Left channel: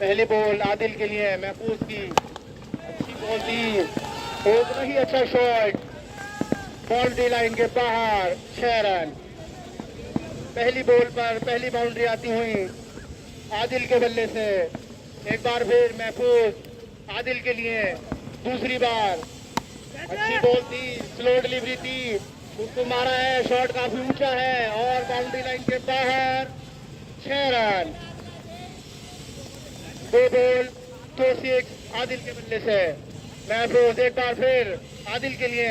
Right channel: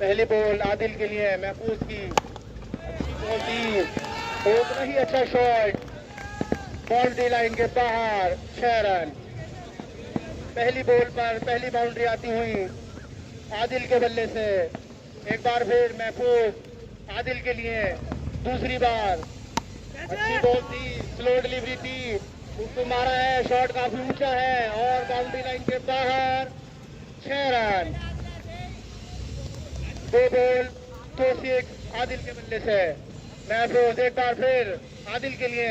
पहली बॉल आदिल के लिए महफूज की बॉल थी, उतना ही अच्छा शॉट, बाउंड्री लाइन के बाहर, 6 रन। पहली बॉल पर पहली बाउंड्री आती हुई आदिल के बल्ले से। एक बार फिर महफूज आदिल के लिए दूसरी बार, अच्छी बॉल थी, स्लो डिलीवरी थी, उसको मारा है, शॉट काफी ऊंचा है और बाउंड्री लाइन के बाहर, 6 रन। 2 बॉल 2 6 आदिल के बल्ले से। महफूज एक बार फिर आदिल के लिए,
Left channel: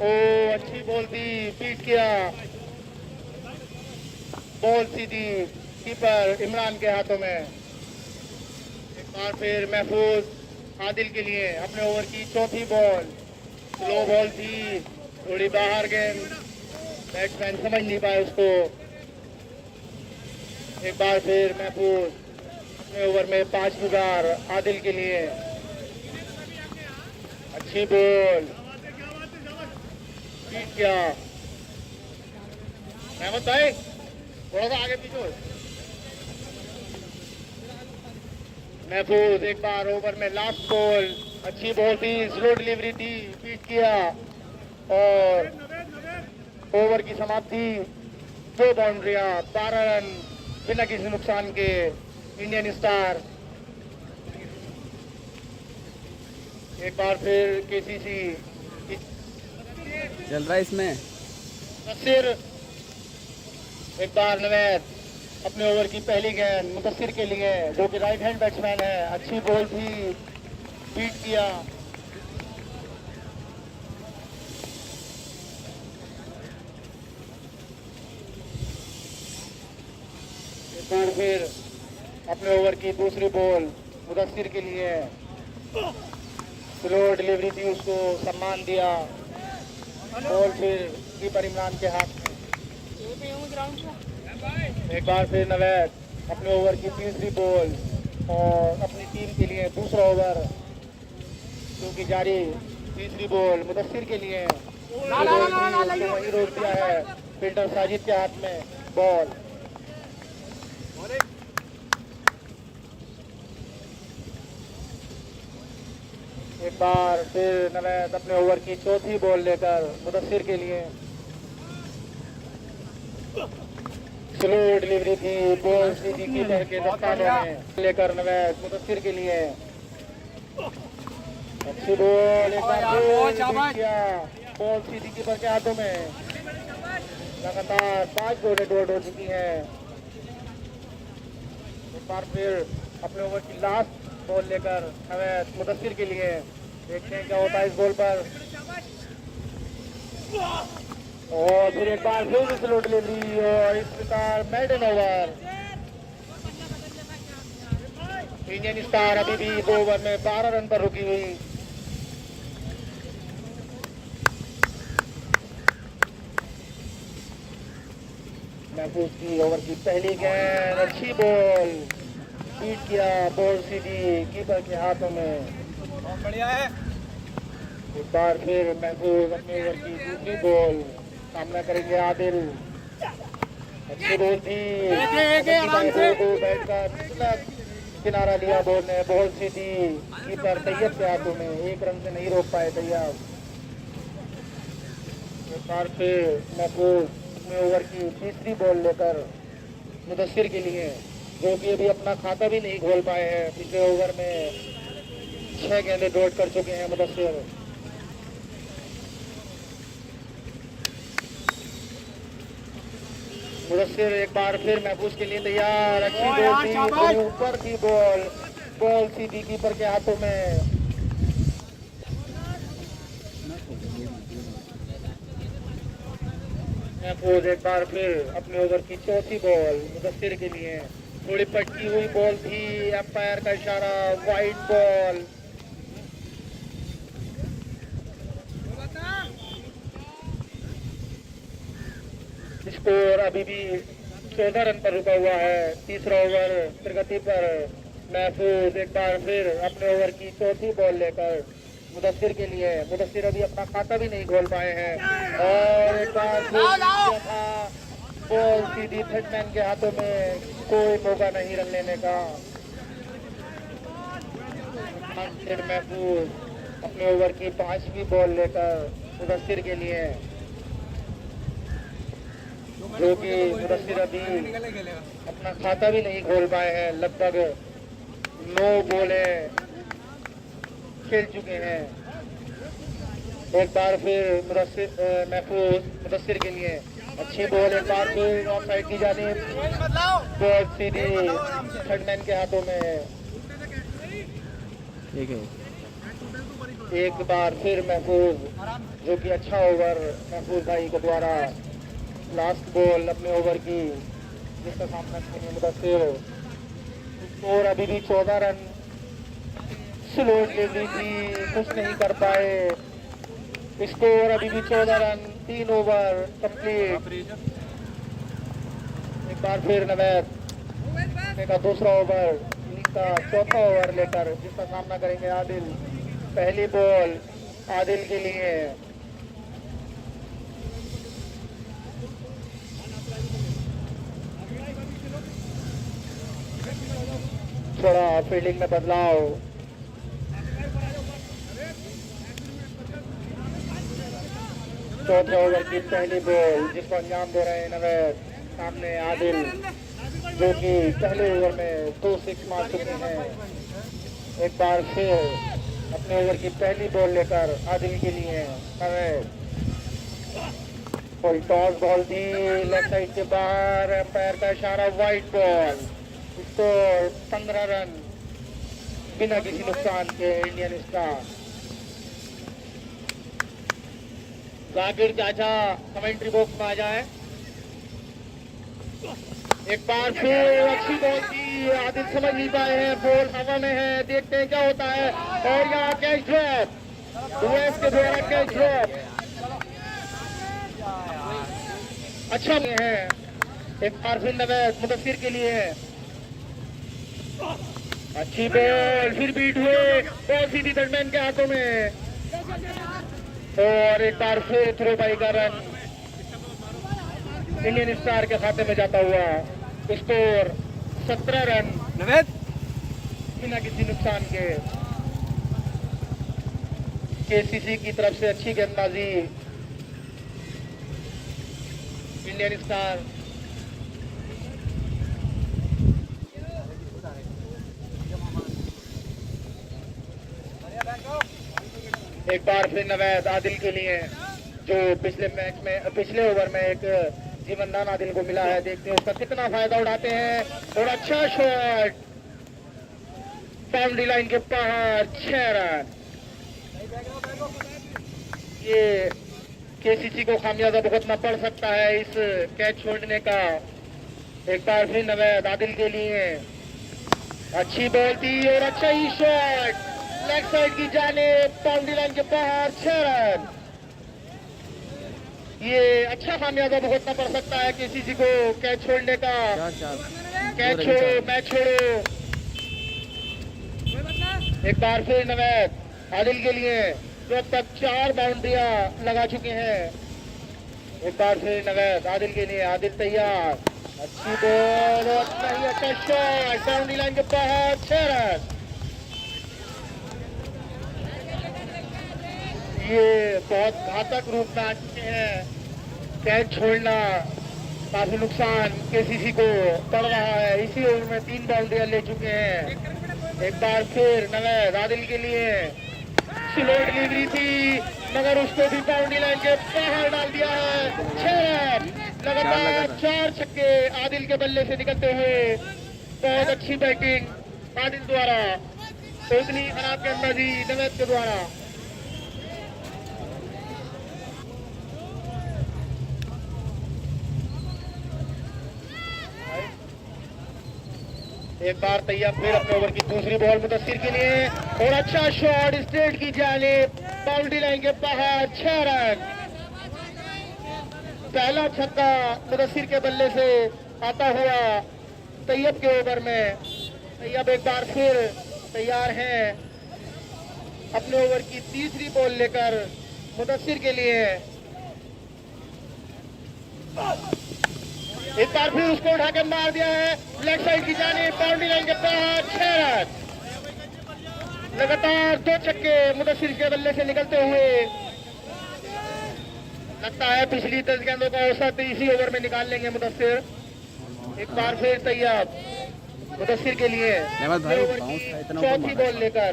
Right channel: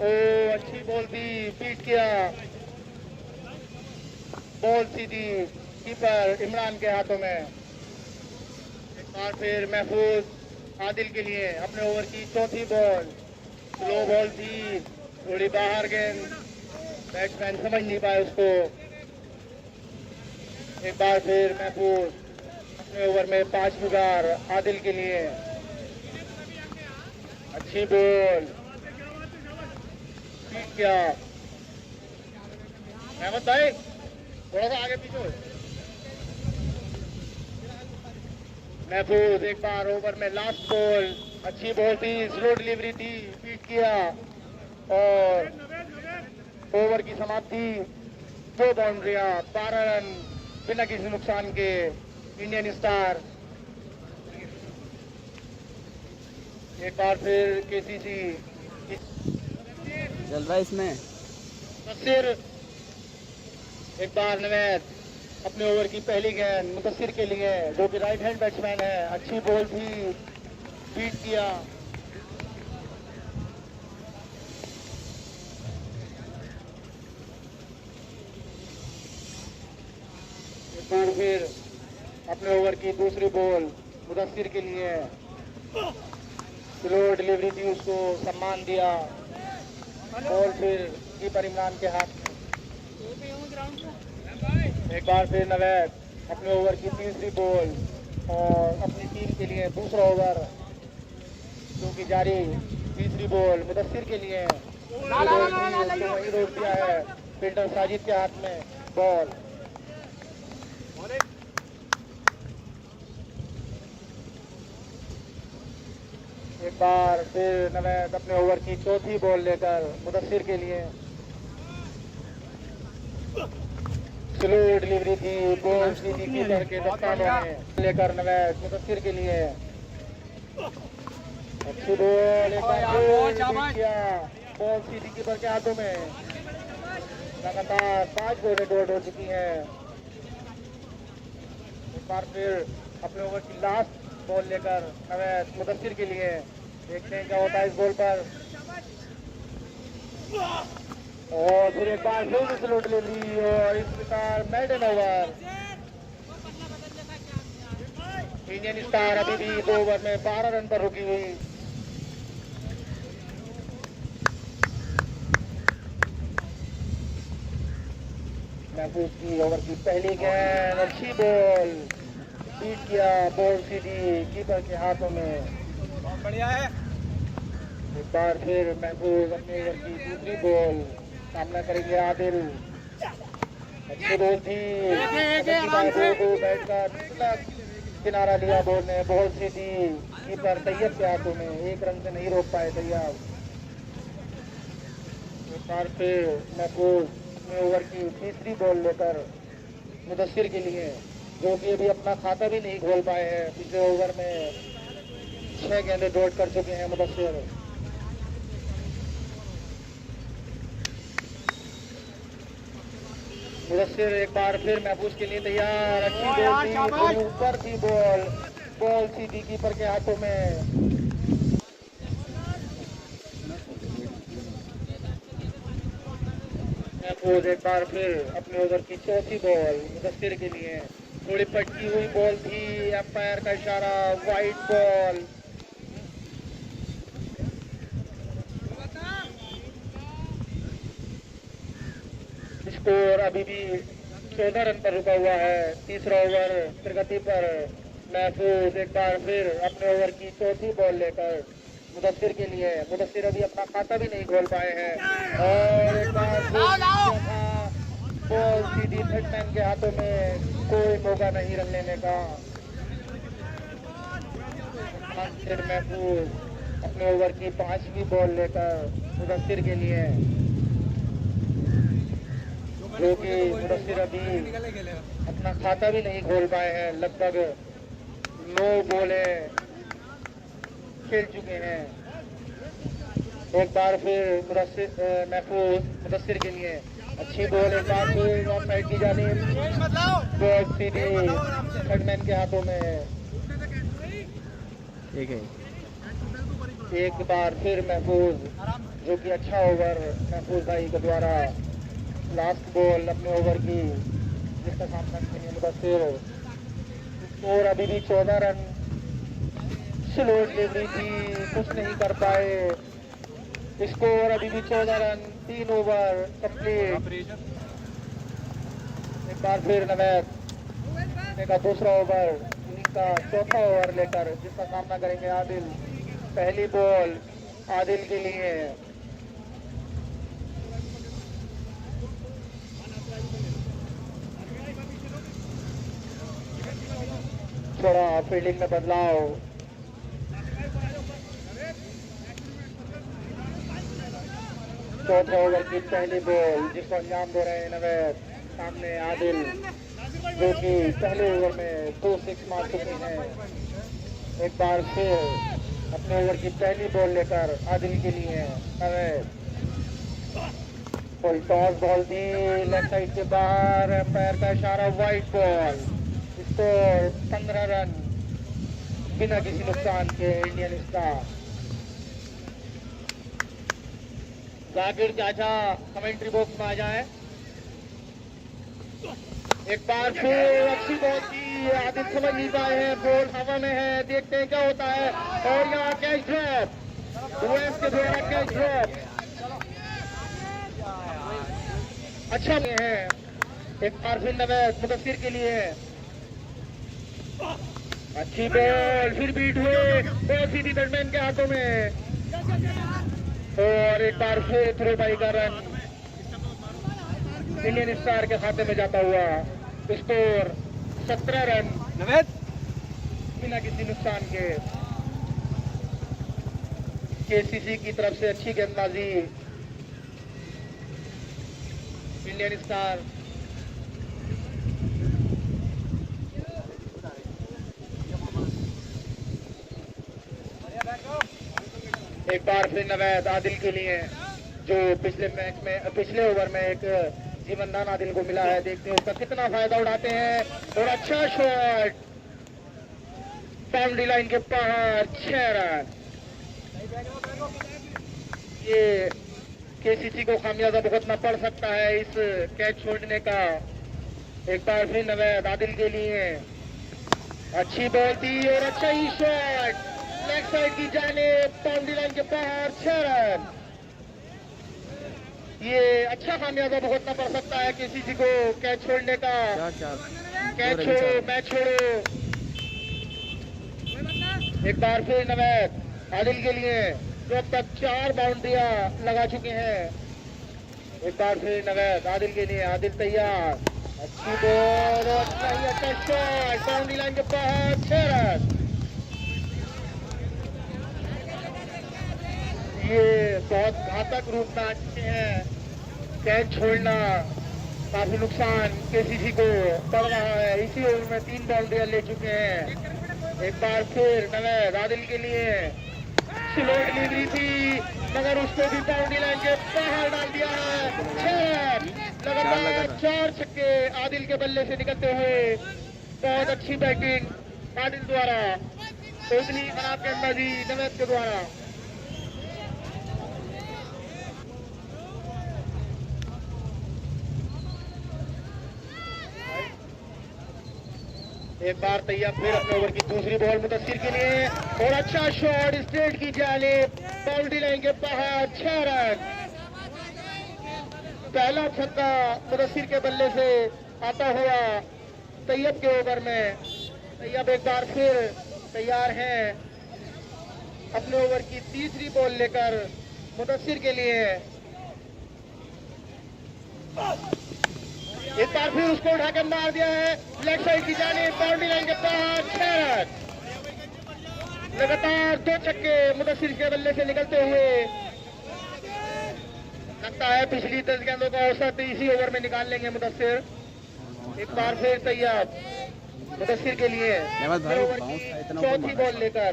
ओ अच्छी बॉल थी, पीट किया, बॉल सीधी कीपर इमरान के हाथों में। एक बार फिर महफूज आदिल के लिए अपने ओवर की चौथी बॉल, स्लो बॉल थी, थोड़ी बाहर गेंद, बैट्समैन समझ नहीं पाए उसको। एक बार फिर महफूज अपने ओवर में 5वीं बार आदिल के लिए, अच्छी बॉल, ठीक क्या अहमद भाई, थोड़ा सा आगे पीछे। महफूज एक बार ओवर में लास्ट बॉल, अच्छी बॉल थी, स्लो डिलीवरी थी, पीट किया और ओवर की समाप्ति। 2 बाउंड्रियां, 12 रन बिना किसी नुकसान के इंडियन स्टार। एक बार फिर केसीसी चल रहा है इसमें। मुदस्सिर एक बार नवैद अपने ओवर की पहली गेंद मुदस्सिर के लिए, जो कि राइट हैंड बैट्समैन है, अच्छी बॉल थी, बीट किया। एक बार फिर अपने ओवर की दूसरी बॉल मुदस्सिर के लिए, स्लो डिलीवरी थी, उसको सम्मान दिया, बॉल फिर कीपर इमरान के हाथ में। एक बार फिर नवैद अपने ओवर की तीसरी बॉल और अपनी टीम के लिए दूसरा ओवर क्योंकि जारी। तीसरी बॉल मुदस्सिर के लिए, वही रोक दिया है, फील्डर साजिद के हाथ में बॉल। एक बार फिर नवैद अपने ओवर की चौथी बॉल लेकर मुदस्सिर के लिए, स्लो डिलीवरी थी, बॉल सीधी कीपर के दस्ताने में लेकर नवैद मुदस्सिर के लिए, अच्छी बॉल, एक बार किया, बॉल सीधी कीपर के हाथों में। लगातार 5 बॉलें डॉट हो चुकी हैं। एक बार फिर अपने ओवर की लास्ट बॉल लेकर नवैद मुदस्सिर के लिए, देखते हैं क्या होता है इस बॉल पर। और फिर एक बार फिर स्लो डिलीवरी और इस प्रकार मेडन ओवर। इंडियन स्टार अभी भी 2 ओवर में 12 रन पर रुकी हुई। महफूज की ओवर की पहली गेंद, अच्छी बॉल, बीट किया, बॉल सीधी कीपर के हाथों में। बढ़िया है। एक बार फिर महफूज अपने ओवर की दूसरी बॉल, सामना करेंगे आदिल, अच्छी बॉल थी, किनारा लिया बॉल ने, बॉल सीधी कीपर तैयब के हाथों में, 1 रन से नहीं रोक पाए तैयब। एक बार फिर महफूज अपने ओवर की तीसरी बॉल लेकर मुदस्सिर के लिए, जो कि अभी अपना खाता भी नहीं खोल पाए हैं, पिछले ओवर में 6 गेंदें डॉट कर चुके हैं मुदस्सिर। मुदस्सिर एक बार फिर महफूज के लिए तैयार, अच्छी बॉल थी, ऊपर की बॉल, बॉल सीधी कीपर के हाथों में। महफूज एक बार फिर अपने ओवर की चौथी बॉल मुदस्सिर के लिए, थोड़ी पटकी हुई बॉल थी, अंपायर का इशारा, वाइड बॉल। स्कोर अभी भी 14 रन पर रुका हुआ है। तीसरा ओवर प्रगति पर। महफूज एक बार फिर अपने ओवर की चौथी बॉल लेकर मुदस्सिर के लिए, मुदस्सिर अभी अपना खाता भी नहीं खोल पाए हैं और एक बार बॉल सीधी बैट्समैन के हाथों में, कोई मौका नहीं रन लेने का। फिर महफूज अपने ओवर की 5वीं बॉल लेकर मुदस्सिर के लिए, जो कि मुदस्सिर अभी अपना खाता भी नहीं खोल पाए हैं। लगभग 9 बॉलें खेल चुके हैं। एक बार फिर महफूज मुदस्सिर के लिए अच्छी बॉल, एक बार फिर ऑफ साइड की जानिब, बॉल सीधी बैट्समैन के हाथों में। ठीक है, एक बार फिर महफूज, जो कि अच्छा ओवर महफूज भाई के द्वारा, लास्ट बॉल अपने ओवर की, जिसका सामना करने मुदस्सिर। और अभी भी 14 रन, स्लो डिलीवरी थी, कुछ नहीं कर पाए। स्कोर अभी भी 14 रन, 3 ओवर कंप्लीट। एक बार फिर नवैद का दूसरा ओवर, इनका चौथा ओवर लेकर, जिसका सामना करेंगे आदिल। पहली बॉल आदिल के लिए, थोड़ा फील्डिंग में बदलाव। चौथे ओवर की पहली बॉल, जिसको अंजाम दे रहे हैं नवैद। सामने आदिल, जो कि पहले ओवर में 2 6 मार चुके हैं। एक बार फिर अपने ओवर की पहली बॉल लेकर आदिल के लिए नवैद। कोई टॉस बॉल थी, लेफ्ट साइड के बाहर, पैर का इशारा, वाइड बॉल। स्कोर 15 रन बिना किसी नुकसान के इंडियन स्टार। जाकिर चाचा कमेंट्री बॉक्स में आ जाए। एक बार फिर अच्छी बॉल की, आदिल समझ नहीं पाए हैं, बॉल हवा में है, देखते हैं क्या होता है। और यहाँ कैच ड्रॉप, के द्वारा कैच ड्रॉप अच्छा नहीं है। एक बार फिर नवैद मुदस्सिर के लिए अच्छी बॉल, फिर बीट हुए, बॉल सीधी बैट्समैन के हाथों में। और एक बार फिर थ्रो बाई का रन इंडियन स्टार के खाते में जाता हुआ। स्कोर 17 रन बिना किसी नुकसान के। केसीसी की तरफ से अच्छी गेंदबाजी, इंडियन स्टार। एक बार फिर नवैद आदिल के लिए, जो पिछले मैच में, पिछले ओवर में एक जीवनदान आदिल को मिला है। देखते हैं उसका कितना फायदा उठाते हैं। और अच्छा शॉट, बाउंड्री लाइन के बाहर, 6 रन। ये केसीसी को खामियाजा भुगतना पड़ सकता है इस कैच छोड़ने का। एक बार फिर नवैद आदिल के लिए अच्छी बॉल थी और अच्छा ही शॉट, लेग साइड की जानिब, बाउंड्री लाइन के बाहर, 6 रन। ये अच्छा खामियाजा भुगतना पड़ सकता है किसी को कैच छोड़ने का। कैच छोड़ो, मैच छोड़ो। एक बार फिर नवैद आदिल के लिए, जो अब तक 4 बाउंड्रियां लगा चुके हैं। एक बार फिर नवैद आदिल के लिए, आदिल तैयार, अच्छी बॉल, अच्छा शॉट, बाउंड्री लाइन के बाहर, 6 रन। ये बहुत घातक रूप में आते हैं। कैच छोड़ना काफी नुकसान केसीसी को पड़ रहा है। इसी ओवर में 3 बाउंड्रियां ले चुके हैं। एक बार फिर नवैद आदिल के लिए स्लो डिलीवरी थी, मगर उसको भी बाउंड्री लाइन के बाहर डाल दिया है। 6 रन, लगातार 4 छक्के आदिल के बल्ले से निकलते हुए। बहुत अच्छी बैटिंग आदिल द्वारा, उतनी खराब गेंदबाजी नवैद के द्वारा। एक बार तैयार फिर अपने ओवर की दूसरी बॉल मुदस्सिर के लिए, और अच्छा शॉट स्ट्रेट की जानिब, बाउंड्री लाइन के बाहर, 6 रन। पहला छक्का मुदस्सिर के बल्ले से आता हुआ तैयब के ओवर में। तैयब एक बार फिर तैयार हैं अपने ओवर की तीसरी बॉल लेकर मुदस्सिर के लिए। इस बार फिर उसको उठा के मार दिया है लेफ्ट साइड की जानिब, बाउंड्री लाइन के बाहर 6 रन। लगातार 2 छक्के मुदस्सिर के बल्ले से निकलते हुए। लगता है पिछली 10 गेंदों का औसत इसी ओवर में निकाल लेंगे मुदस्सिर। एक बार फिर तैयार मुदस्सिर के लिए चौथी बॉल लेकर।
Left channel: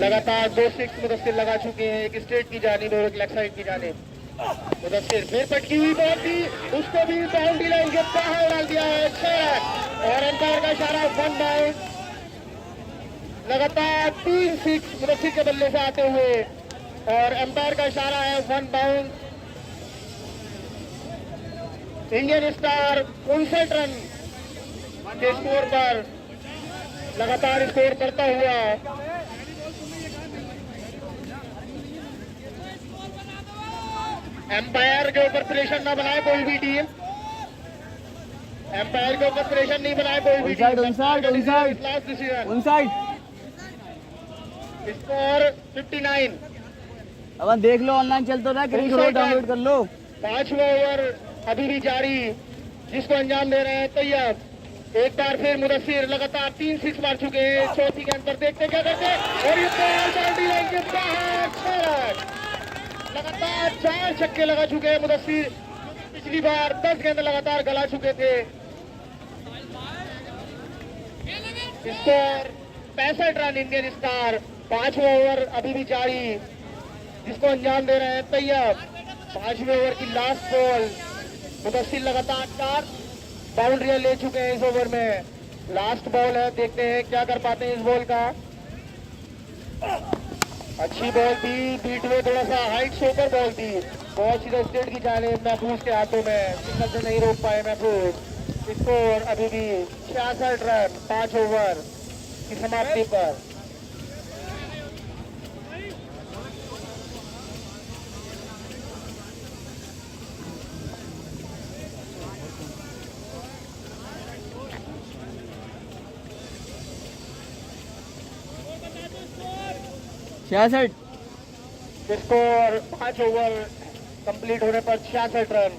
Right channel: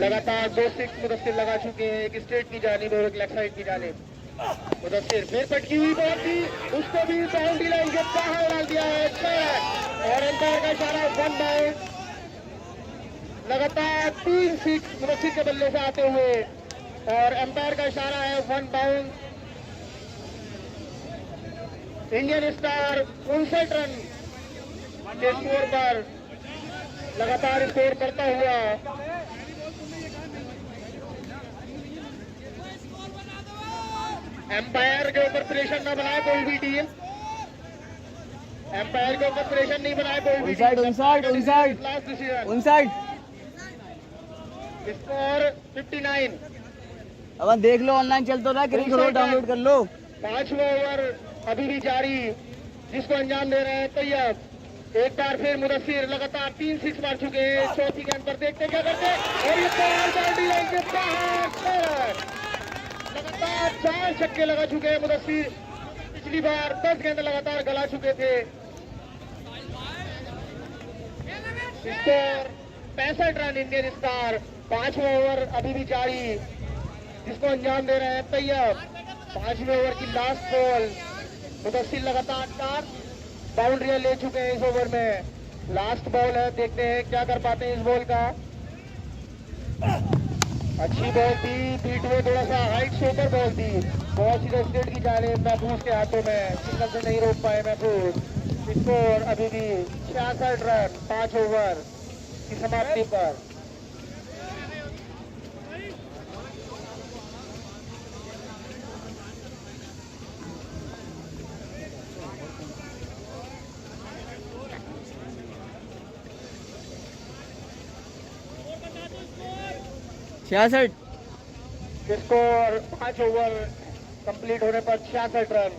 लगातार 2 सिक्स मुदस्सिर लगा चुके हैं, एक स्ट्रेट की जानिब और एक लेग साइड की जानिब। मुदस्सिर फिर पटकी हुई बॉल थी, उसको भी बाउंड्री लाइन के बाहर डाल दिया है 6 रन। और अंपायर का इशारा 1 बाउंड। लगातार 3 सिक्स मुदस्सिर के बल्ले से आते हुए और अंपायर का इशारा है 1 बाउंड। इंडियन स्टार 59 रन के स्कोर पर लगातार स्कोर करता हुआ। एम्पायर के ऊपर प्रेशर ना बनाए कोई भी टीम, एम्पायर के ऊपर प्रेशर नहीं बनाए कोई भी टीम। स्कोर 59। अब देख लो, ऑनलाइन चलता रहा, क्रिकेट करो, डाउनलोड कर लो। 5वां ओवर अभी भी जारी, जिसको अंजाम दे रहे हैं तैयार। एक बार फिर मुदस्सिर लगातार 3 सिक्स मार चुके हैं। चौथी गेंद पर देखते क्या करते हैं, और ये बॉल बाउंड्री लाइन के बाहर 6 रन। लगातार 4 छक्के लगा चुके हैं मुदस्सिर। पिछली बार 10 गेंद लगातार गला चुके थे। Score 65 run Indian star. 5वां ओवर अभी भी जारी, जिसको अंजाम दे रहे हैं तैयार। 5वें ओवर की लास्ट बॉल। मुदस्सिर लगातार 4 बाउंड्रियां ले चुके हैं इस ओवर में। लास्ट बॉल है, देखते हैं क्या कर पाते हैं इस बॉल का। अच्छी बॉल थी, बीट में थोड़ा सा हाइट से ऊपर बॉल थी। बहुत सीधा स्टेट की जाने महफूज के हाथों में, सिग्नल से नहीं रोक पाए महफूज। स्कोर अभी भी 66 रन 5 ओवर की समाप्ति पर। छियासठ। स्कोर 5 ओवर कंप्लीट होने पर 66 रन।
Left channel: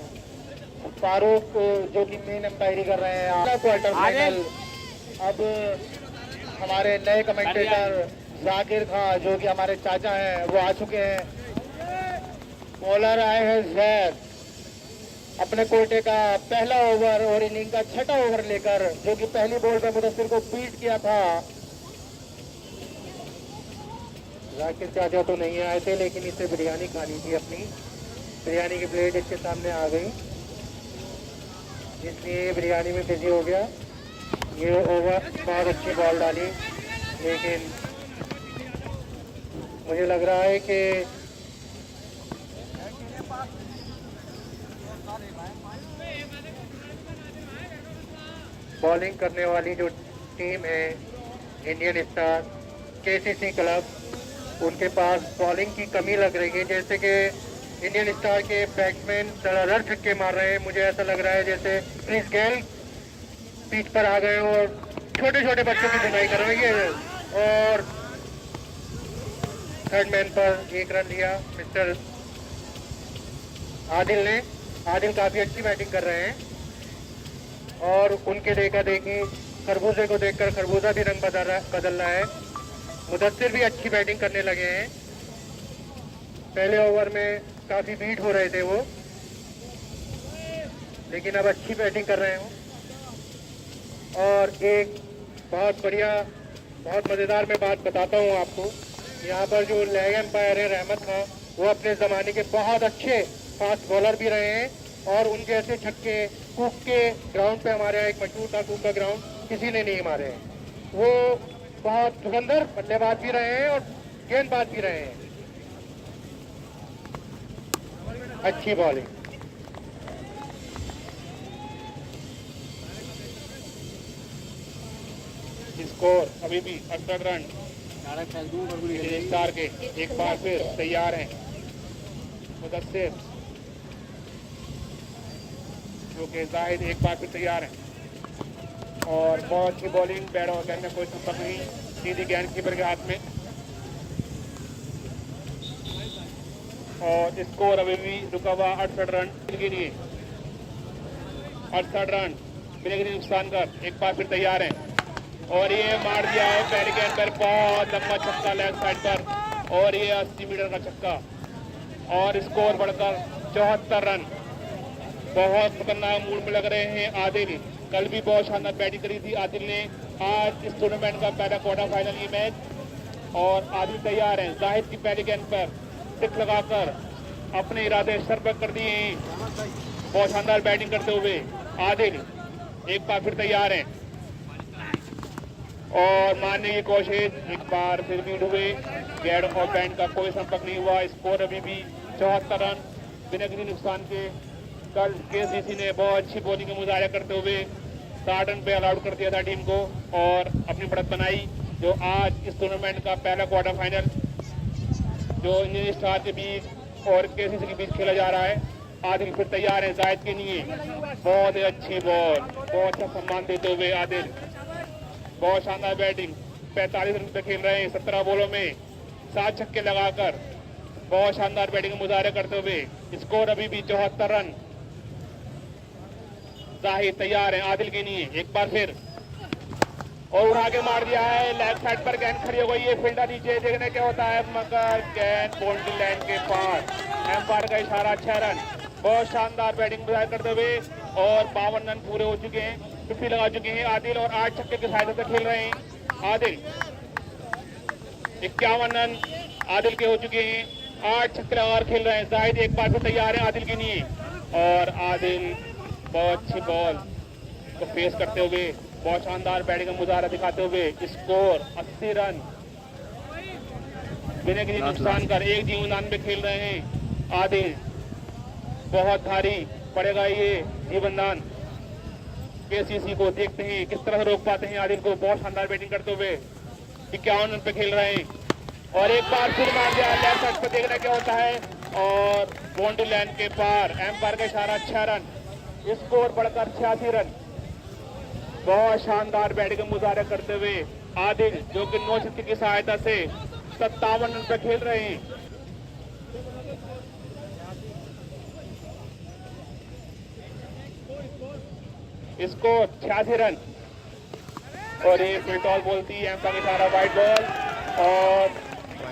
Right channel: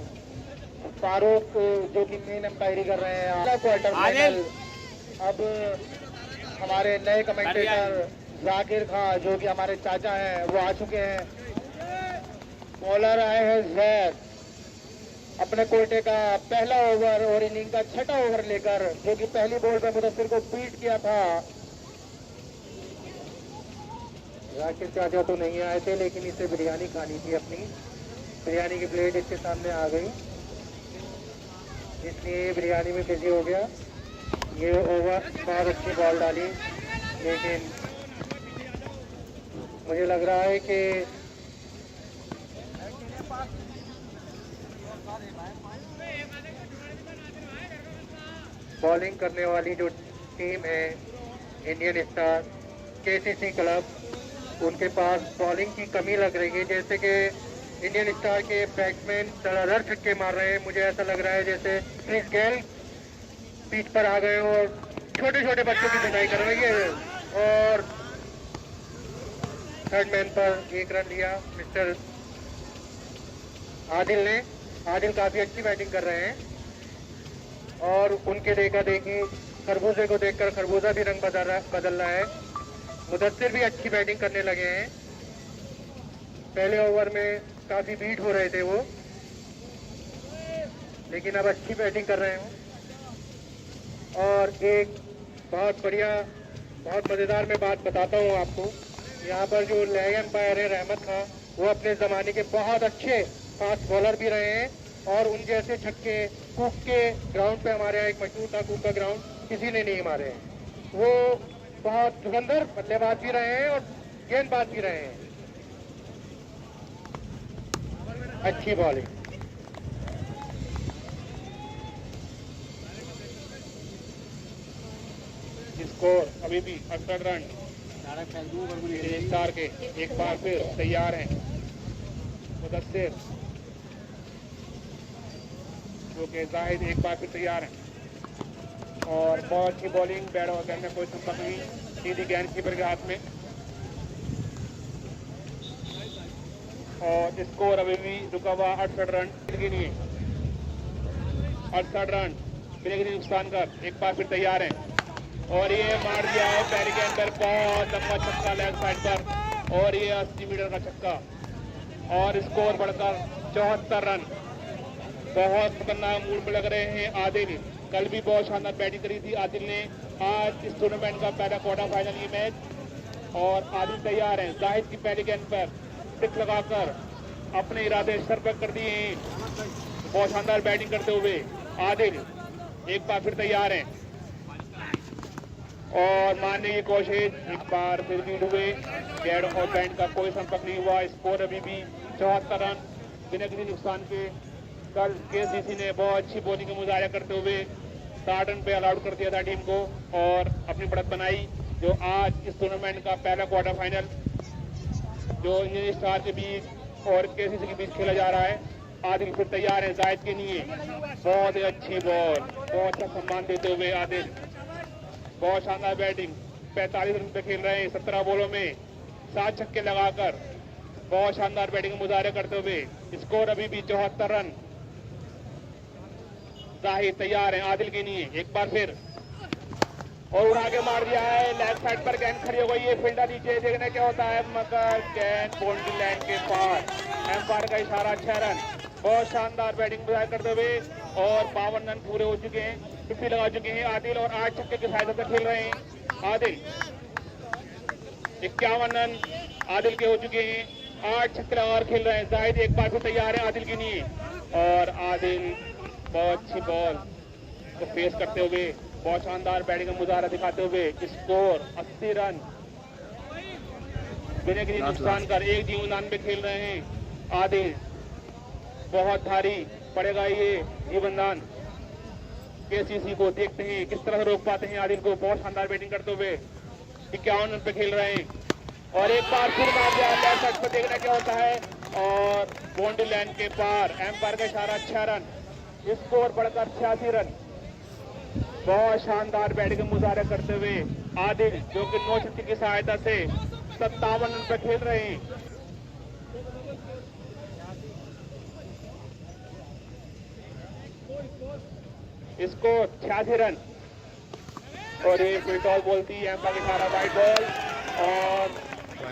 फारूक जो कि मेन अंपायरी कर रहे हैं क्वार्टर फाइनल। अब हमारे नए कमेंटेटर जाकिर खान, जो कि हमारे चाचा हैं, वो आ चुके हैं। बॉलर आए हैं जैद, अपने कोटे का पहला ओवर और इनिंग का 6ठा ओवर लेकर, जो कि पहली बॉल पे मुदस्सिर को बीट किया था। जाकिर चाचा तो नहीं आए थे, लेकिन इसे बिरयानी खानी थी अपनी। बिरयानी की प्लेट इसके सामने आ गई, इसलिए बिरयानी में बिजी हो गया। ये ओवर बहुत अच्छी बॉल डाली, लेकिन मुझे लग रहा है कि बॉलिंग करने वाली जो टीम है इंडियन स्टार केसीसी क्लब, उनके पास बॉलिंग की कमी लग रही है। जैसे कि इंडियन स्टार के बैट्समैन धड़ाधड़ छक्के मार रहे हैं। मुझे ऐसा लग रहा है जैसे क्रिस गेल पिच पर आ गए और छोटे छोटे बच्चों की धुनाई कर रही है। और थर्ड मैन पर 1 रन दिया मिस्टर आदिल ने। आदिल काफी अच्छी बैटिंग कर रहे हैं, और उनके देखा देखी खरबूजे को देखकर खरबूजा भी रंग बदल रहा है। मुदस्सिर भी अच्छी बैटिंग करने लगे हैं। पहले ओवर में काफी बीट हो रहे थे वो, लेकिन अब अच्छी बैटिंग कर रहे हैं। और एक बहुत बढ़िया, बहुत मजेदार मैं बात बताता हूँ आपको। यहाँ पर जो लेग एम्पायर है रहमत खान, वो अपने जमाने के बहुत अच्छे फास्ट बॉलर भी रहे हैं, और उन जैसे छक्के कूक के ग्राउंड पे हमारे यहाँ एक मशहूर था कूक का ग्राउंड, किसी ने नहीं मारे हैं। वो बहुत धुरंधर बल्लेबाज भी रहे हैं और गेंदबाज भी रहे हैं। अच्छी बॉलिंग। इसको अभी भी 68 रन स्टार के एक बार फिर तैयार हैं मुदस्सिर, जो कि जाहिद एक बार फिर तैयार हैं। और बहुत अच्छी बॉलिंग, बैट और गेंद में कोई सुपर नहीं, सीधी गेंद कीपर के हाथ में। और स्कोर अभी भी रुका हुआ 68 रन के लिए। 68 रन बिना किसी नुकसान कर एक बार फिर तैयार है और ये मार दिया है पहले के अंदर बहुत लंबा छक्का लेफ्ट साइड पर और ये 80 मीटर का छक्का और स्कोर बढ़कर 74 रन। बहुत खतरनाक मूड में लग रहे हैं आदिल। कल भी बहुत शानदार बैटिंग करी थी आदिल ने। आज इस टूर्नामेंट का पहला क्वार्टर फाइनल ये मैच और आदिल तैयार है। जाहिद की पहले गेंद पर टिक लगाकर अपने इरादे सर पर कर दिए हैं। बहुत शानदार बैटिंग करते हुए आदिल एक बार फिर तैयार है और मारने की कोशिश एक बार फिर लीड हुए। गैड और बैंड का कोई संपर्क नहीं हुआ। स्कोर अभी भी 74 रन बिना किसी नुकसान के। कल केसीसी ने बहुत अच्छी बॉलिंग का मुजाहरा करते हुए 60 रन पे ऑल आउट कर दिया था टीम को और अपनी बढ़त बनाई। जो आज इस टूर्नामेंट का पहला क्वार्टर फाइनल जो इंडियन स्टार के बीच और केसीसी के बीच खेला जा रहा है। आदिल फिर तैयार है जायद के लिए। बहुत ही अच्छी बॉल, बहुत अच्छा सम्मान देते हुए आदिल। बहुत शानदार बैटिंग, 45 रन पे खेल रहे हैं 17 बॉलों में 7 छक्के लगाकर। बहुत शानदार बैटिंग का मुजाहरा करते हुए स्कोर अभी भी 74 रन। जाहिद तैयार है आदिल के लिए एक बार फिर और उड़ा के मार दिया है। लेफ्ट साइड पर गेंद खड़ी हो गई है। फील्डर नीचे देखने क्या होता है मगर गेंद बाउंड्री लाइन के पार। एम्पायर का इशारा 6 रन। बहुत शानदार बैटिंग करते हुए और 52 रन पूरे हो चुके हैं। 50 लगा चुके हैं आदिल और 8 छक्के की सहायता से खेल रहे हैं आदिल। 51 रन आदिल के हो चुके हैं। 8 छक्के लगाकर खेल रहे हैं। जाहिद एक बार फिर तैयार है आदिल के लिए और आदिल बहुत अच्छी बॉल को फेस करते हुए बहुत शानदार बैटिंग का मुजाहरा दिखाते हुए स्कोर 80 रन बिना किसी नुकसान कर। एक जीवनदान पे खेल रहे हैं आदिल। बहुत भारी पड़ेगा ये जीवनदान। केसीसी को देखते हैं किस तरह से रोक पाते हैं आदिल को। बहुत शानदार बैटिंग करते हुए 51 रन पे खेल रहे हैं और एक बार फिर मार दिया लेफ्ट साइड पर। देखना क्या होता है और बाउंड्री लाइन के पार। एम्पायर का इशारा 6 रन। स्कोर बढ़कर 86 रन। बहुत शानदार बैटिंग का मुजाहरा करते हुए आदिल जो कि 9 छक्के की सहायता से 57 रन पर खेल रहे हैं। स्कोर 86 रन और एक विकेट बॉल थी। एम्पायर का इशारा वाइड बॉल और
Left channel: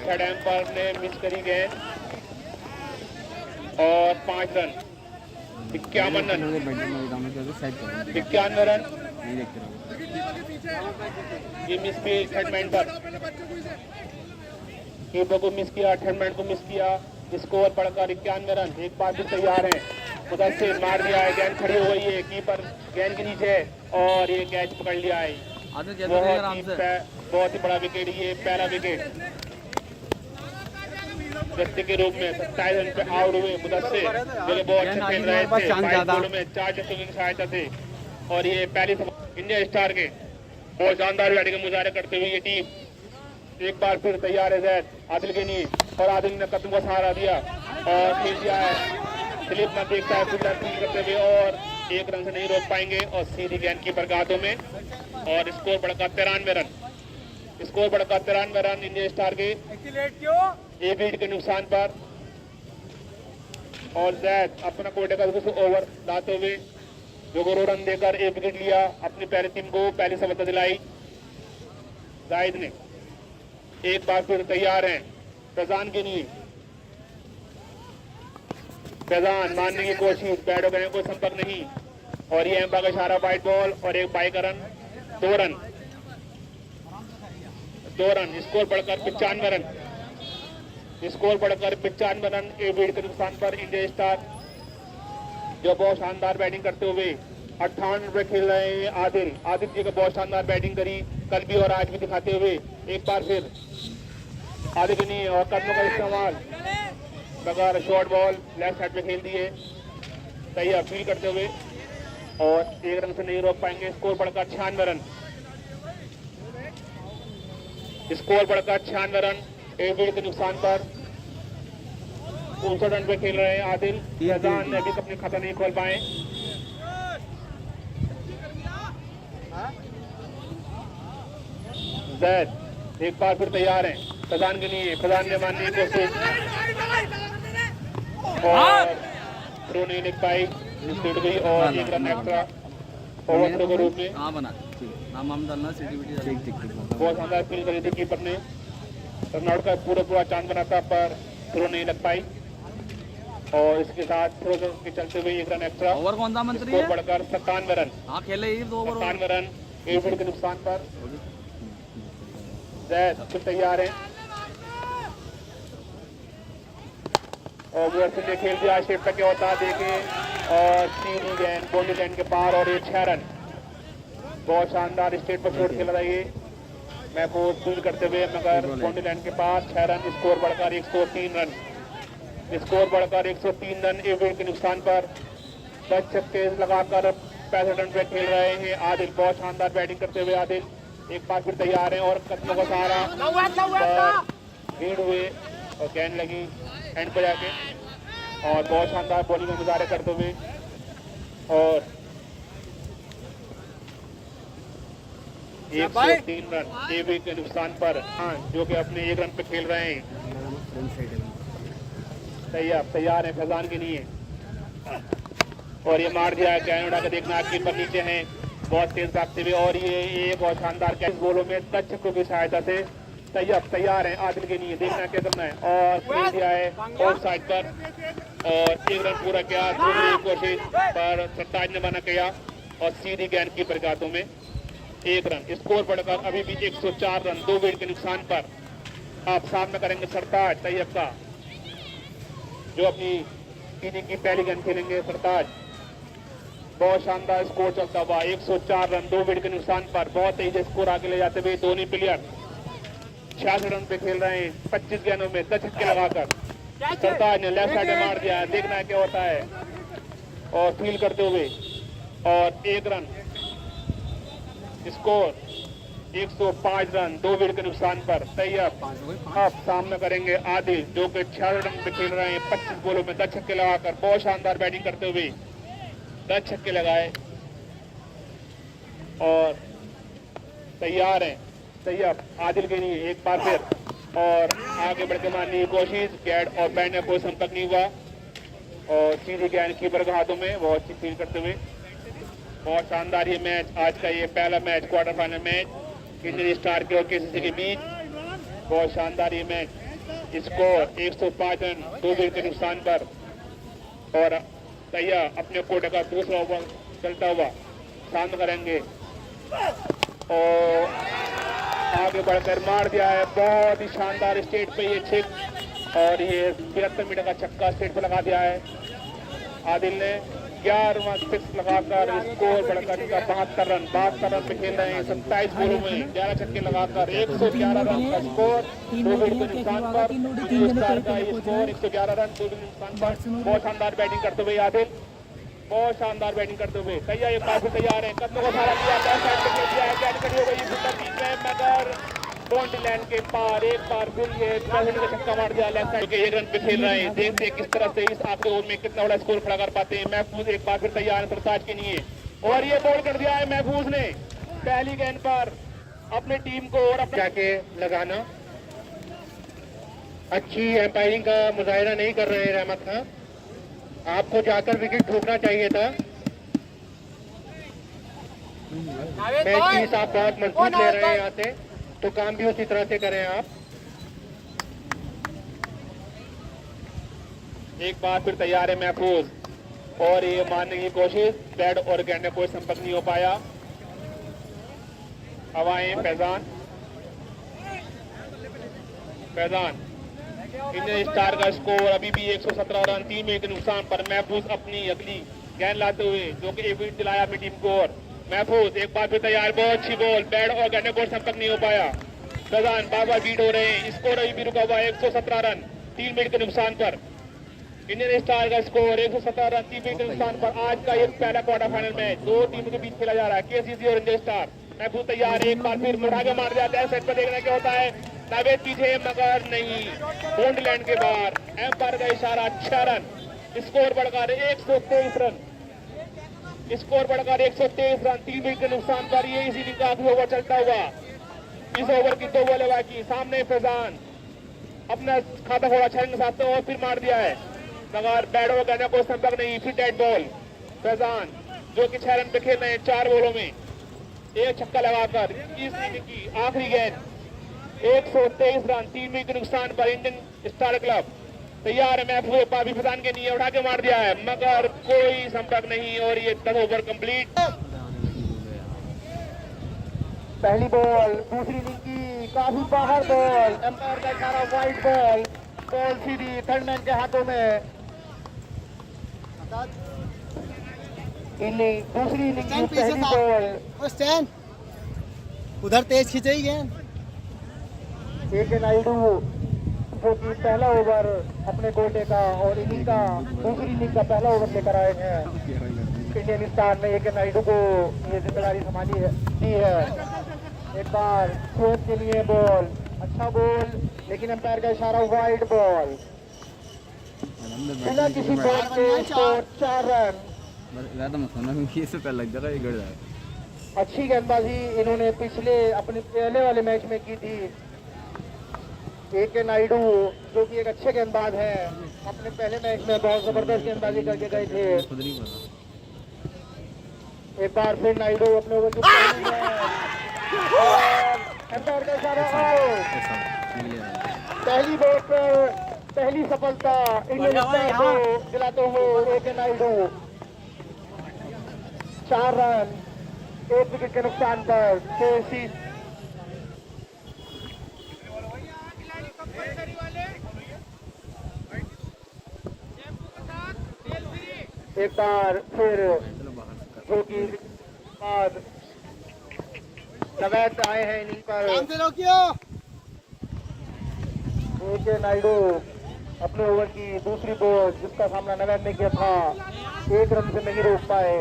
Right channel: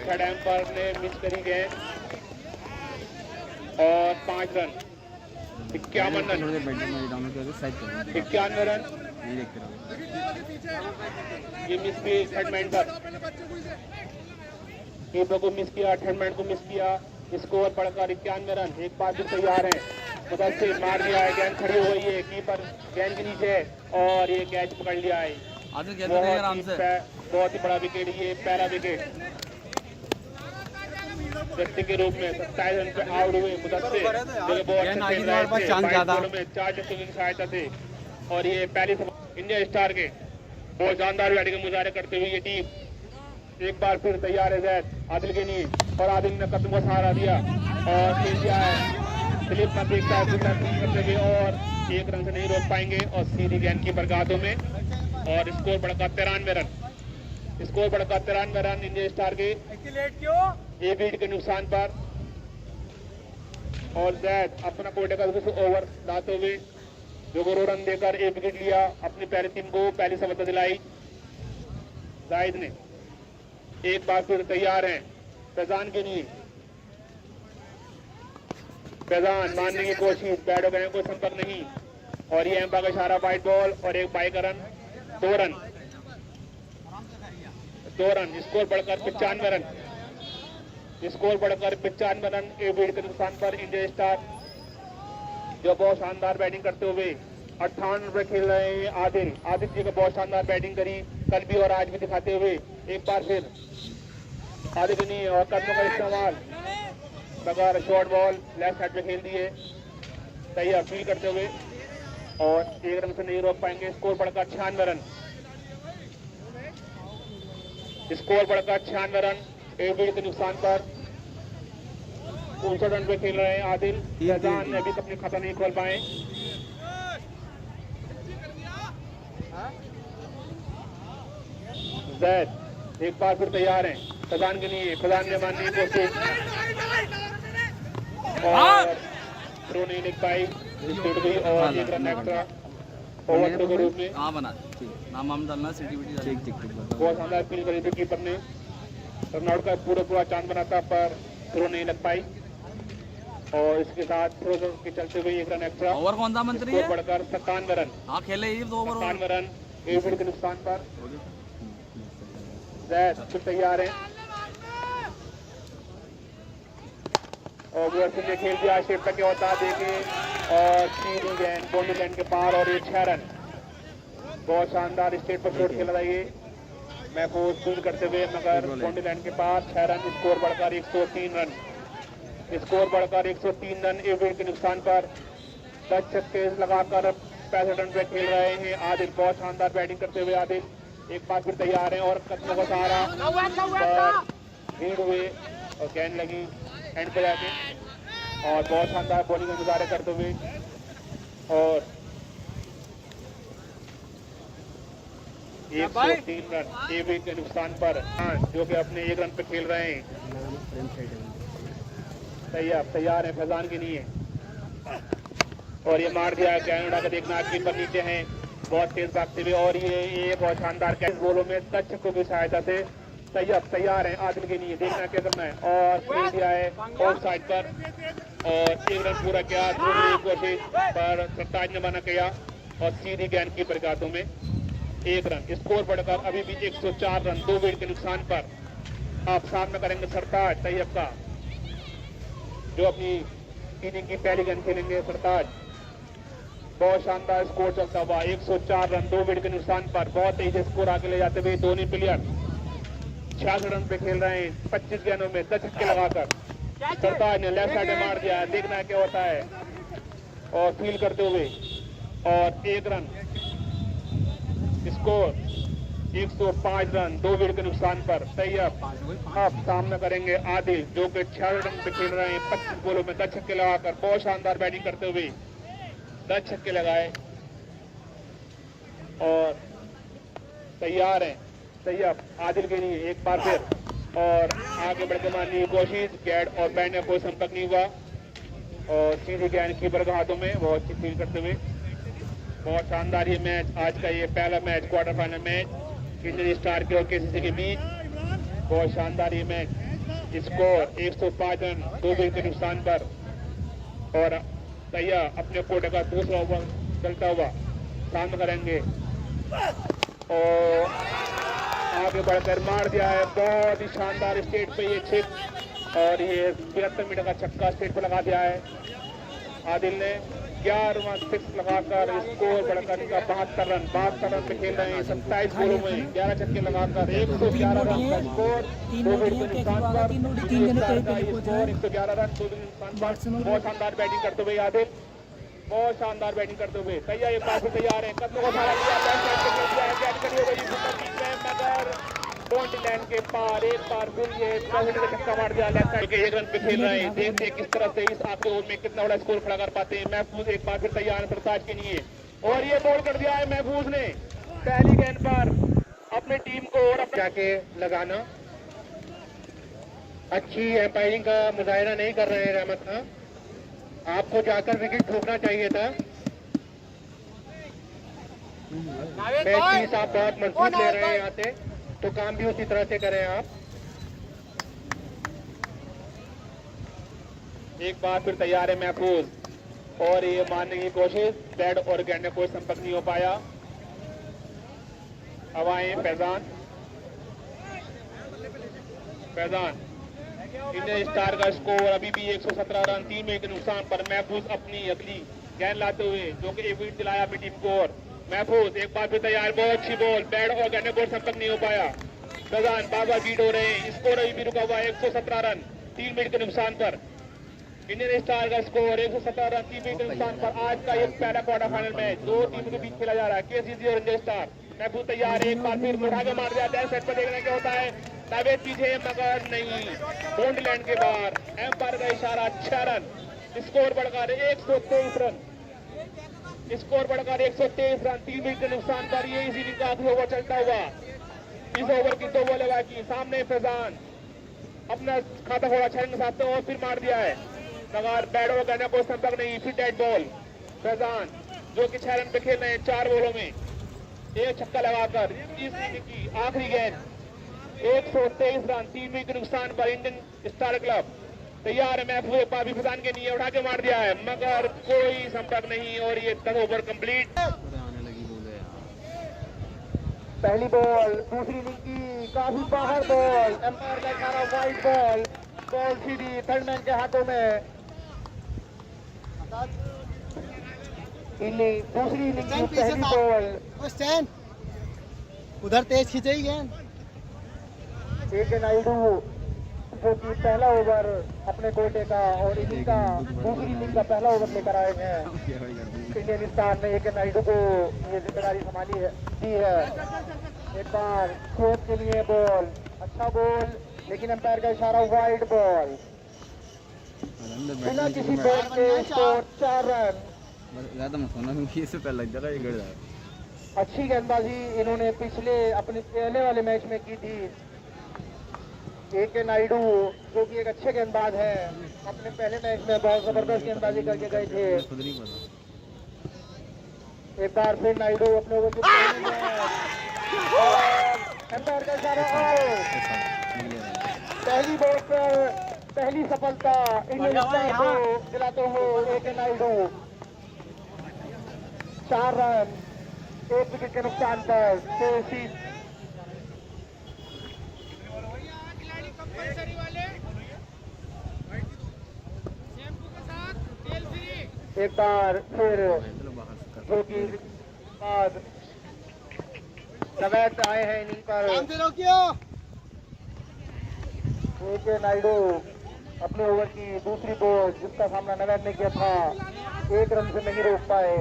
थर्ड एम्पायर ने मिस करी गेंद और 5 रन। 51 रन 51 रन ये मिस की सेगमेंट पर कीपर को मिस किया, सेगमेंट को मिस किया। स्कोर बढ़कर 91 रन। एक बार फिर तैयार है उधर से मार दिया है। गेंद खड़ी हो गई है कीपर गेंद के नीचे और ये कैच पकड़ लिया है। बहुत ही बड़ा विकेट ये पहला विकेट व्यक्ति के रूप में 27 रन पे आउट हुए मुदस्सिर जो बहुत अच्छे खेल रहे थे। में 4 छक्कों की सहायता से और ये पहली इंडिया स्टार के बहुत शानदार बैटिंग का मुजाहरा करते हुए ये टीम एक बार फिर तैयार है जैद आदिल के लिए और आदिल ने कदम का सहारा दिया और खेल दिया है। स्लिप का देखता है करते हुए और 1 रन से नहीं रोक पाएंगे और सीधी गेंद की बरगाहों में और स्कोर बढ़कर 93 रन। स्कोर बढ़कर 93 रन इंडिया स्टार के 1 विकेट के नुकसान पर और जैद अपना कोटे का ओवर लाते हुए 2 रन देकर 1 विकेट लिया। अपनी पहली टीम को पहली सफलता दिलाई जाहिद ने। एक बार फिर तैयार हैं फैजान के लिए। फैजान मारने की कोशिश, बैट हो गए कोई संपर्क नहीं और ये एम्पायर का इशारा वाइड बॉल और एक बाई का रन। 2 run 2 run. स्कोर बढ़कर 95 रन। स्कोर बढ़कर 95 रन। 1 विकेट के नुकसान पर इंडिया स्टार जो बहुत शानदार बैटिंग करते हुए 58 रन पे खेल रहे हैं आदिल। आदिल जी का बहुत शानदार बैटिंग करी कल भी और आज भी दिखाते हुए एक बार फिर आदिल ने और कदमों का इस्तेमाल बगैर शॉर्ट बॉल लेफ्ट साइड पे खेल दिए सही अपील करते हुए और 1 रन से नहीं रोक पाएंगे। स्कोर बढ़कर 96 रन। स्कोर बढ़कर 96 रन। 1 विकेट के नुकसान पर 59 रन पे खेल रहे हैं आदिल। फैजान ने अभी अपने खाता नहीं खोल पाए। जैद एक बार फिर तैयार हैं फैजान के लिए। फैजान ने मारने की कोशिश और थ्रो नहीं लिख पाई। स्पीड गई और एक रन एक्स्ट्रा ओवर के रूप में। हाँ बना नाम वाम डालना सीटी वीटी ठीक ठीक ठीक बहुत शानदार फील करी थी कीपर ने। कर्नाटक का पूरा पूरा चांद बना था पर थ्रो नहीं लग पाई और इसके साथ थ्रो के चलते हुए एक रन एक्स्ट्रा। ओवर कौन सा मंत्री स्कोर है? बढ़कर 57 रन। हाँ खेले ही 2 ओवर 57 रन 1 विकेट के नुकसान पर जैद फिर तैयार है और वो से खेल दिया शेप तक क्या होता है देखे और तीन गेंद बोली गेंद के पार और एक 6 रन। बहुत शानदार स्टेट पर छोड़ खेल रहा है ये महफूज फूल करते हुए मगर बोली लाइन के पास 6 रन। स्कोर बढ़कर 103 रन। स्कोर बढ़कर 103 रन 1 विकेट के नुकसान पर 10 छक्के लगाकर 65 रन पे खेल रहे हैं आदिल। बहुत शानदार बैटिंग करते हुए आदिल एक बार फिर तैयार है और कदम बस आ रहा भीड़ हुए और गेंद लगी एंड पर जाके और बहुत शानदार बॉलिंग का मुजाहरा करते हुए और 103 रन 1 विकेट के नुकसान पर जो कि अपने 1 रन पे खेल रहे हैं। तैयार है फैजान के लिए और ये मार दिया कनाडा का देखना कीपर नीचे है बहुत तेज भागते हुए और ये बहुत शानदार कैच बोलों में 10 छक्कों की सहायता से तैयार है आदिल के लिए देखना क्या करना है और खेल दिया है ऑफ साइड पर और 1 रन पूरा किया दूसरी कोशिश पर सरताज ने बना किया और सीधी गेंद कीपर के हाथों में 1 रन। स्कोर बढ़कर अभी भी 104 रन 2 विकेट के नुकसान पर आप सामने करेंगे सरताज तैयब का जो अपनी इनिंग की पहली गेंद खेलेंगे। सरताज बहुत शानदार स्कोर चलता हुआ 104 रन 2 विकेट के नुकसान पर बहुत तेज स्कोर आगे ले जाते हुए दोनों प्लेयर 66 रन पे खेल रहे हैं 25 गेंदों में 10 छक्के लगाकर। सरताज ने लेफ्ट साइड में मार दिया देखना क्या होता है और फील करते हुए और 1 रन। स्कोर 105 रन 2 विकेट के नुकसान पर तैयब आप सामना करेंगे आदिल जो कि 6 रन पे खेल रहे हैं 25 बॉलों में 10 छक्के लगाकर बहुत शानदार बैटिंग करते हुए 10 छक्के लगाए और तैयार हैं तैयब आदिल के लिए एक बार फिर और आगे बढ़कर मारने की कोशिश गेंद और बैट में कोई संपर्क नहीं हुआ और सीधी गेंद कीपर के हाथों में बहुत अच्छी फील करते हुए बहुत शानदार ये मैच आज का ये पहला मैच क्वार्टर फाइनल मैच किसी स्टार के और केसीसी के बीच बहुत शानदार ये मैच। स्कोर 105 रन 2 विकेट के नुकसान पर और तैयार अपने कोर्ट का दूसरा ओवर चलता हुआ सामने करेंगे और आगे बढ़कर मार दिया है बहुत ही शानदार स्टेट पे ये छिक और ये 73 मीटर का छक्का स्टेट पे लगा दिया है आदिल ने 11वां सिक्स लगाकर स्कोर बढ़कर 72 रन 72 रन पे खेल रहे हैं 27 बॉलों में 11 छक्के लगाकर 111 रन का स्कोर 2 विकेट के नुकसान पर 111 रन 2 विकेट के नुकसान पर बहुत शानदार बैटिंग करते हुए आदिल बहुत शानदार बैटिंग करते हुए तैयार ये काफी तैयार है कदमों को मार दिया बैक साइड पे खेल दिया है कैच करी हो गई सुपर किक में मगर बाउंड्री लाइन के पार एक बार फिर ये 10 का छक्का मार दिया लेफ्ट साइड के 1 रन पे खेल रहे हैं देखते हैं किस तरह से इस आखिरी ओवर में कितना बड़ा स्कोर खड़ा कर पाते हैं। महफूज एक बार फिर तैयार है सरताज के लिए और ये बॉल कर दिया है महफूज ने पहली गेंद पर अपनी टीम को और जाके लगाना अच्छी एम्पायरिंग का मुजाहिरा नहीं कर रहे हैं रहमत खान आपको जाकर विकेट ठोकना चाहिए था। मैच आप बहुत मजबूत ले रहे हैं यहाँ से तो काम भी उसी तरह से करें आप। एक बार फिर तैयार है महफूज और ये मारने की कोशिश बैट और गेंद में कोई संपर्क नहीं हो पाया। हवाएं फैजान इंडियन स्टार का स्कोर अभी भी 117 रन 3 विकेट के नुकसान पर महफूज अपनी अगली गेंद लाते हुए जो कि 1 विकेट दिलाया अपनी टीम को और महफूज एक बार फिर तैयार बहुत अच्छी बॉल बैट और गेंद में कोई संपर्क नहीं हो पाया। फैजान बाबा बीट हो रहे हैं स्कोर अभी भी रुका हुआ 117 रन 3 विकेट के नुकसान पर इंडियन स्टार का स्कोर 117 रन 3 विकेट के नुकसान पर। आज का ये पहला क्वार्टर फाइनल मैच 2 टीमों के बीच खेला जा रहा है केसीसी और इंडियन स्टार। महफूज तैयार एक बार फिर मुठाके मार दिया है सेट पर देखना क्या होता है नावेद पीछे मगर नहीं बाउंड्री लाइन के बाहर एम्पायर का इशारा 6 रन स्कोर बढ़कर 123 रन स्कोर बढ़कर 123 रन 3 विकेट के नुकसान पर ये इसी का आखिरी ओवर चलता हुआ इस ओवर की 2 बॉलें बाकी सामने फैजान अपना खाता थोड़ा 6 के साथ और फिर मार दिया है मगर बैट और गहना कोई संपर्क नहीं फिर डेड बॉल फैजान जो कि 6 रन पे खेल रहे हैं 4 बॉलों में, एक छक्का लगाकर। तीसरी इनिंग की आखिरी गेंद, 123 रन, 3 विकेट के नुकसान पर इंडियन स्टार क्लब तैयार है महफूज पापी फैजान के लिए उठा के मार दिया है, मगर कोई संपर्क नहीं और ये 10 ओवर कंप्लीट। पहली बॉल दूसरी इनिंग की, काफी बाहर बॉल, अंपायर का इशारा वाइड बॉल, बॉल सीधी थर्डमैन के हाथों में। इनिंग दूसरी इनिंग की पहली बॉल, उधर तेज खींचाई गेंद। AK नायडू जो कि पहला ओवर अपने बेटे का और इनिंग का दूसरी इनिंग का पहला ओवर लेकर आए हैं। इंडियन स्टार ने AK नायडू को ये जिम्मेदारी संभाली है, दी है। एक बार शॉट के लिए बॉल, अच्छा बॉल, लेकिन अंपायर का इशारा वाइड बॉल, बिना किसी बॉल के स्कोर 4 रन। ज्यादा मत होना क्योंकि इससे पहले लग जाएगा, ये गिर जाएगा। अच्छी गेंदबाजी इन्होंने पिछले अपने पहले वाले मैच में की थी। AK नायडू जो कि एक अच्छे गेंदबाज हैं, अपने पहले मैच में बहुत जबरदस्त गेंदबाजी करके गए थे। खुद नहीं पता। एक बार फिर नायडू अपने ओवर की पहली बॉल पर पहली सफलता इंडियन स्टार को दिलाते हुए AK नायडू 4 रन, 1 विकेट के नुकसान पर। एक बार फिर जो कि बाद नवैद आए हैं इनिंग पर। AK नायडू अपने ओवर की दूसरी बॉल, जिसका सामना नवैद ने किया था, 1 रन से नहीं रोक पाए।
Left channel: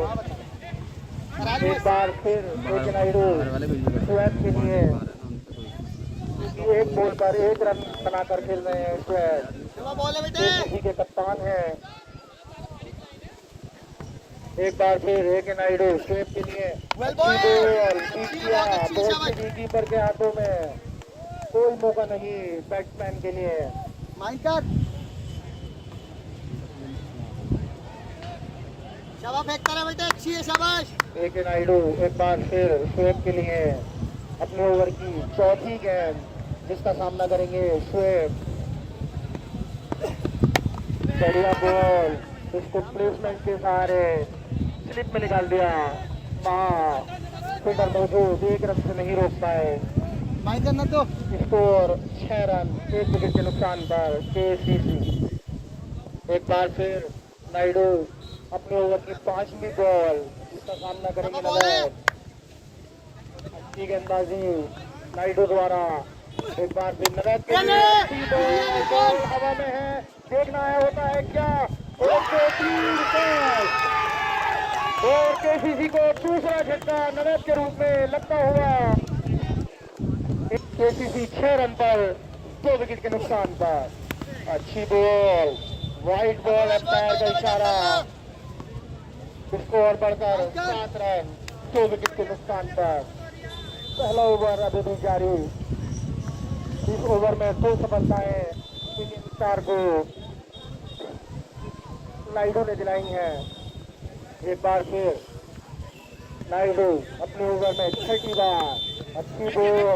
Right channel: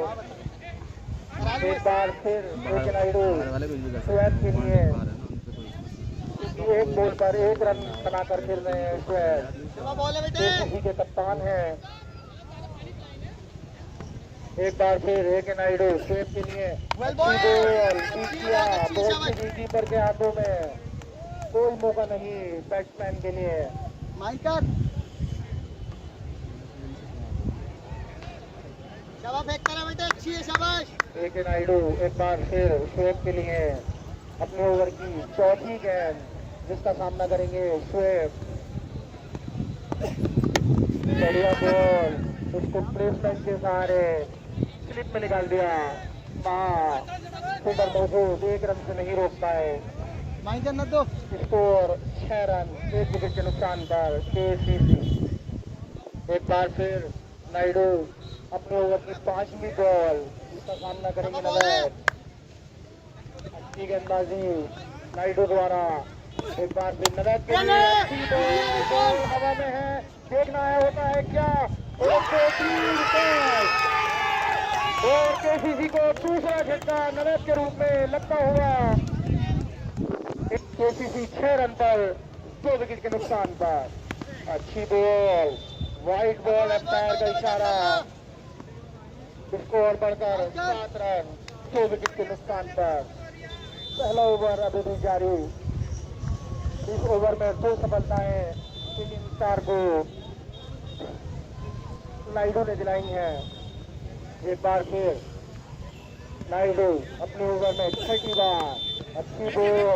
एक बार फिर AK नायडू शोएब के लिए एक बॉल पर 1 रन बनाकर खेल रहे हैं। शोएब के कप्तान हैं। एक बार फिर AK नायडू शोएब के लिए बॉल किया, बॉल से कीपर के हाथों में, कोई मौका नहीं बैट्समैन के लिए। AK नायडू एक बार फिर शोएब के लिए अपने ओवर की चौथी गेंद, जिसका सामना करेंगे शोएब। बढ़िया बॉल, उसको प्लेसमेंट के सहारे स्लिप में निकाल दिया, फील्डर मौजूद, 1 रन से नहीं रोक पाए। स्कोर 6 रन, 1 विकेट के नुकसान पर KCC। एक बार फिर नायडू अपने ओवर की 5वीं बॉल, जिसका सामना करेंगे नवैद। अच्छी गेंदबाजी नायडू द्वारा। एक बार फिर नवैद के लिए अच्छी बॉल हवा में है, देखना है होता है क्या। और KCC को दूसरा झटका नवैद के रूप में लगता हुआ। KCC 6 रन पर 2 विकेट के नुकसान पर। अच्छी बॉल, वाइड बॉल, अंपायर का इशारा, स्कोर बढ़कर 7 रन, 2 विकेट के नुकसान पर। पहला ओवर अभी भी जारी। इस ओवर में 2 सफलताएं इंडियन स्टार को नायडू ने दिलाई हैं। एक बार फिर नायडू अपने ओवर में 6ठी बार, अच्छी बॉल,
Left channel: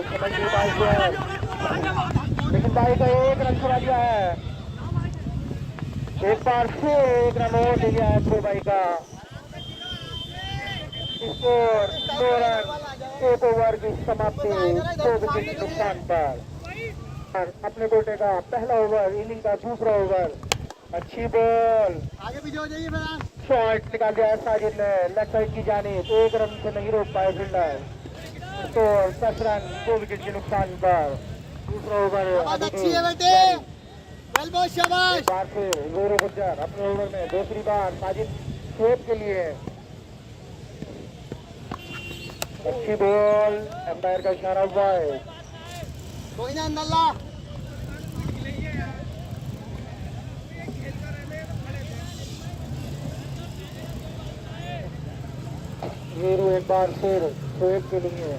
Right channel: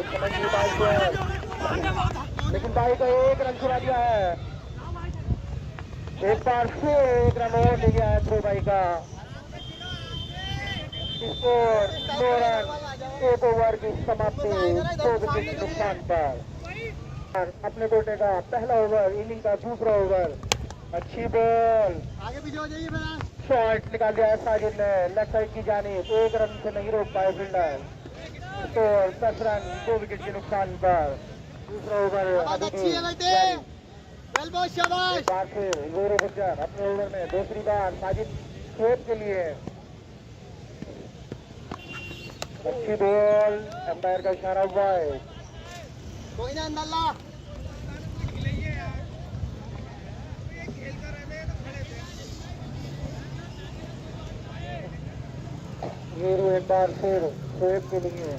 लेकिन भाई का 1 रन छुड़ा दिया है। एक बार फिर 1 रन और ले गया है थ्रो भाई का। स्कोर 2 रन, 1 ओवर की समाप्ति, 2 विकेट के नुकसान पर। अपने बेटे का पहला ओवर, इनिंग का दूसरा ओवर, अच्छी बॉल, आगे भी जाइए, शॉट निकाल दिया साजिद ने लेग साइड की जानिब, 1 रन से नहीं रोक पाए फील्डर। स्कोर 10 रन, 2 विकेट के नुकसान पर। दूसरा ओवर अच्छी है बेटे, वेल बॉल, शाबाश। एक बार फिर गौरव गुज्जर अपने ओवर में दूसरी बार साजिद शोएब के लिए अच्छी बॉल, अंपायर का इशारा हुआ है। कोई ना नल्ला, ये एक बार फिर शोएब के लिए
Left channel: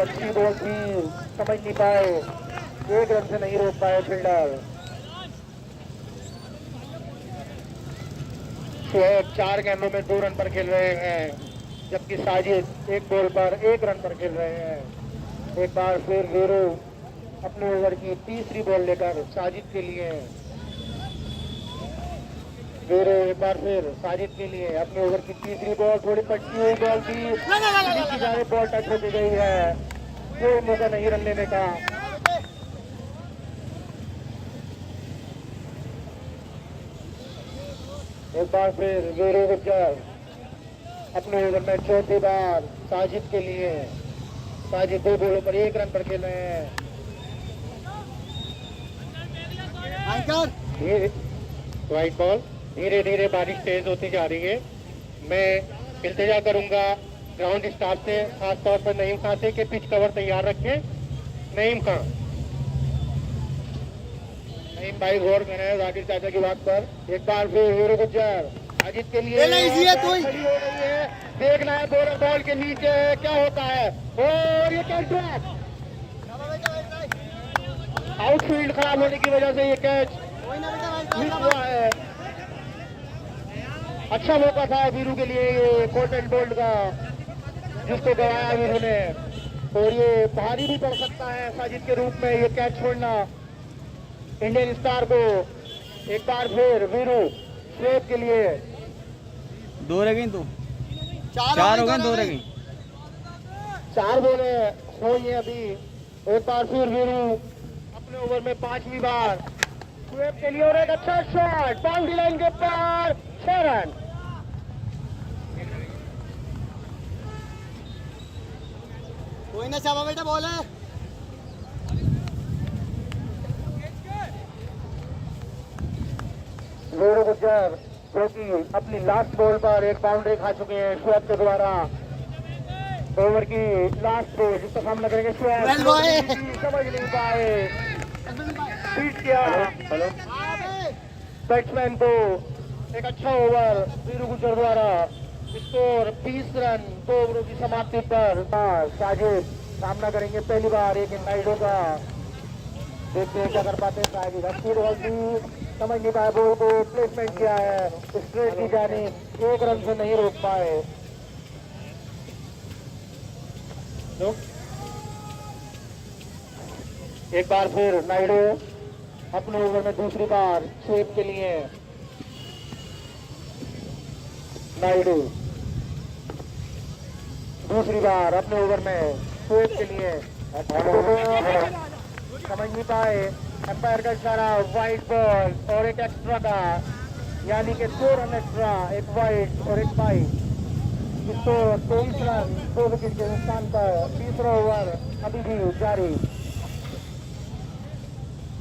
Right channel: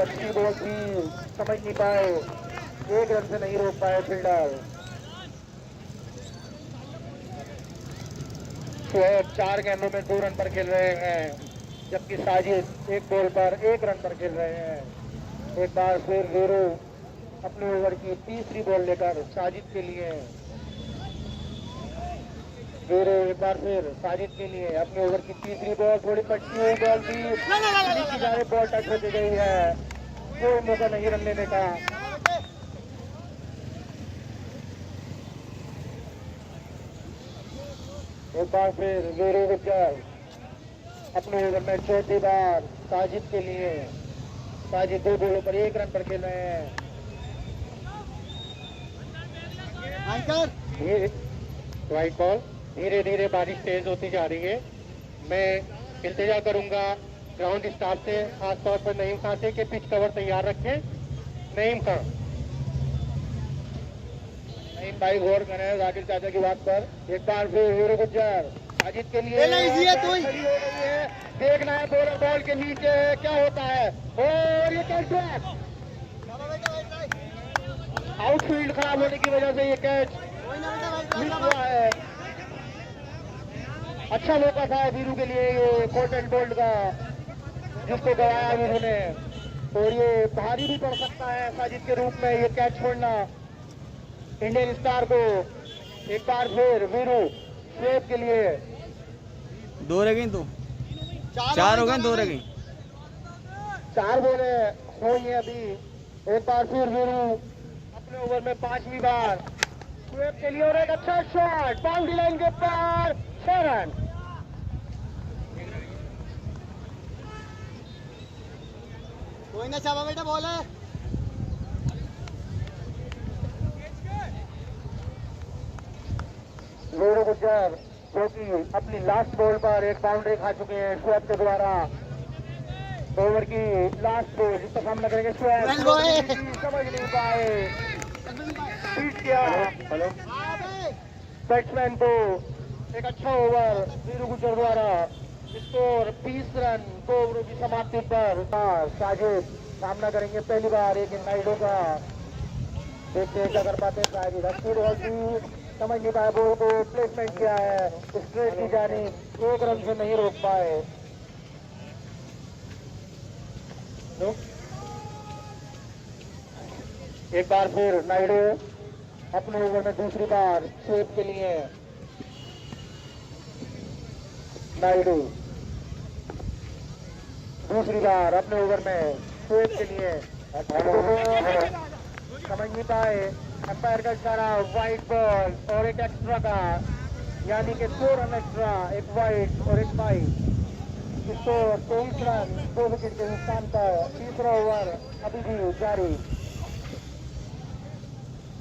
अच्छी बॉल थी, समझ नहीं पाए, 1 रन से नहीं रोक पाए फील्डर। शोएब 4 गेंदों में 2 रन पर खेल रहे हैं, जबकि साजिद 1 बॉल पर 1 रन पर खेल रहे हैं। एक बार फिर वीरू अपने ओवर की तीसरी बॉल लेकर साजिद के लिए, वीरू एक बार फिर साजिद के लिए अपने ओवर की तीसरी बॉल, थोड़ी पट्टी हुई बॉल थी, बॉल टच होती गई है, कोई मौका नहीं रन लेने का। एक बार फिर वीरू गुज्जर अपने ओवर में चौथी बार साजिद के लिए, साजिद 2 बॉलों पर 1 रन पर खेल रहे हैं। राइट बॉल, धीरे धीरे बारिश तेज होती जा रही है। मैं इल्तिजा करूंगा ग्राउंड स्टाफ से, खासतौर पर नईम खां से, कि पिच कवर तैयार रखें। नईम खां, नईम भाई गौर करें राकेश चाचा की बात पर। एक बार फिर वीरू गुज्जर साजिद के लिए देखना है, बॉल के नीचे क्या होता है, और ये कैच, आउटफील्ड खराब होने की वजह से ये कैच मिस हुआ है। अच्छा मौका था वीरू के लिए, ये पोर्टल गोल्ड का, जिसको गवाया वीरू ने, और ये भारी भी पड़ सकता है साजिद के रूप में ये कैच छोड़ना इंडियन स्टार को। एक बार फिर वीरू स्वेप के लिए 2 रह गई, तो 4 हो गए, 2 रह गई, 4 बोले हुई है अभी। एक बार फिर वीरू अपने ओवर में 5वीं बार स्वेप के लिए, और एक अच्छा शॉट बाउंड्री लाइन के ऊपर, 6 रन। कोई ना चाबा बेटा बॉल है। वीरू गुज्जर जो कि अपनी लास्ट बॉल पर एक बाउंड्री खा चुके हैं शोएब के द्वारा। ओवर की लास्ट बॉल जिसका सामना करेंगे शोएब, समझ नहीं पाए, बीट किया बैट्समैन को। एक अच्छा ओवर वीरू गुज्जर द्वारा, स्कोर 20 रन 2 ओवरों की समाप्ति पर। साजिद सामना करेंगे पहली बार एक नाइडो का, देखते हैं क्या कर पाते हैं साजिद। अच्छी बॉल थी, समझ नहीं पाया, बॉल को प्लेसमेंट किया है, स्ट्रेट की जाने 1 रन से नहीं रोक पाए। एक बार फिर नाइडू अपने ओवर में दूसरी बार स्वेप के लिए, नाइडू दूसरी बार अपने ओवर में स्वेप के लिए, समझ नहीं पाए, अंपायर का इशारा, वाइट बॉल और एक एक्स्ट्रा का, यानी कि 2 रन एक्स्ट्रा, एक वाइट और एक वाइट, इसको 23 रन 2 विकेट के नुकसान पर। तीसरा ओवर अभी भी जारी।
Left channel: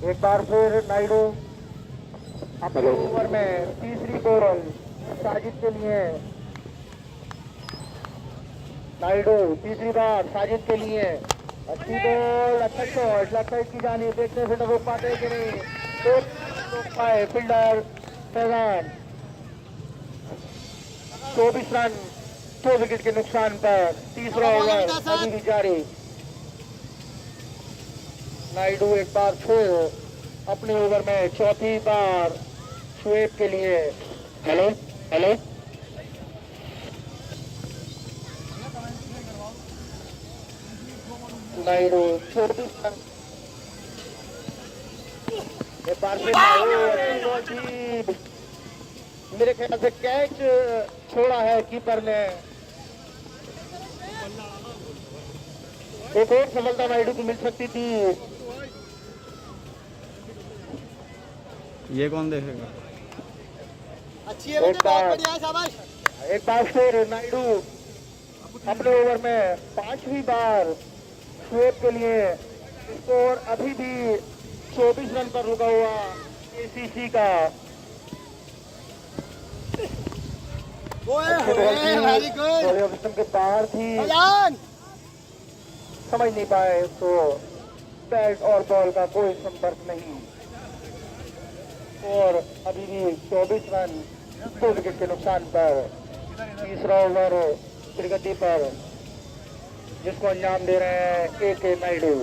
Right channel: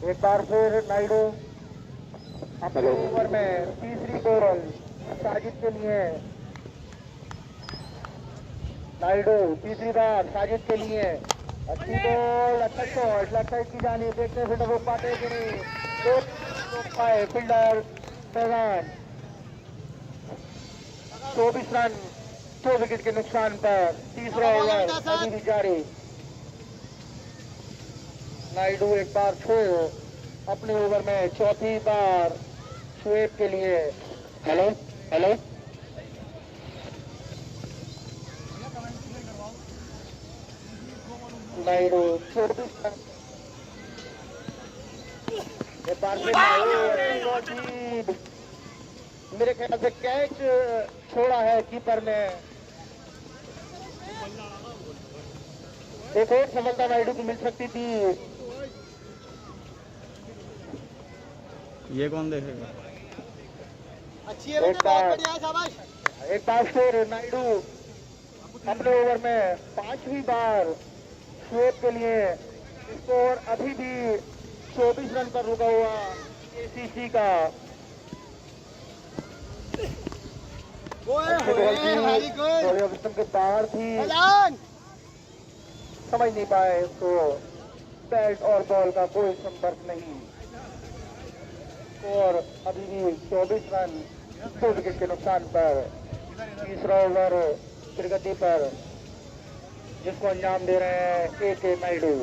एक बार फिर नाइडू अपने ओवर में तीसरी बॉल साजिद के लिए, नाइडू तीसरी बार साजिद के लिए, अच्छी बॉल, अच्छा शॉट, लेफ्ट साइड की जानी, देखते हैं फिर रोक पाते हैं कि नहीं, रोक पाए फील्डर फैजान। 24 रन 2 विकेट के नुकसान पर। तीसरा ओवर अभी भी जारी। नाइडू एक बार फिर अपने ओवर में चौथी बार शोएब के लिए, हेलो हेलो, नाइडू 24 रन, एक बार फिर मेरे ख्याल से कैच छोड़ा है कीपर ने। एक और सफलता नाइडू को मिल सकती थी। ये कौन देखेगा? अच्छी है बेटा, बहुत बढ़िया है, शाबाश। एक बार फिर नाइडू अपने ओवर में 5वीं बार शोएब के लिए, स्कोर अभी भी 24 रन पर रुका हुआ एसीसी का। के बाहर थी, समझ नहीं पाए तो बैट और बॉल का कोई संपर्क नहीं, और अभी भी 24 रन 2 विकेट के नुकसान पर। तीसरा ओवर प्रगति पर, जिसको अंजाम दे रहे हैं के नाइडू।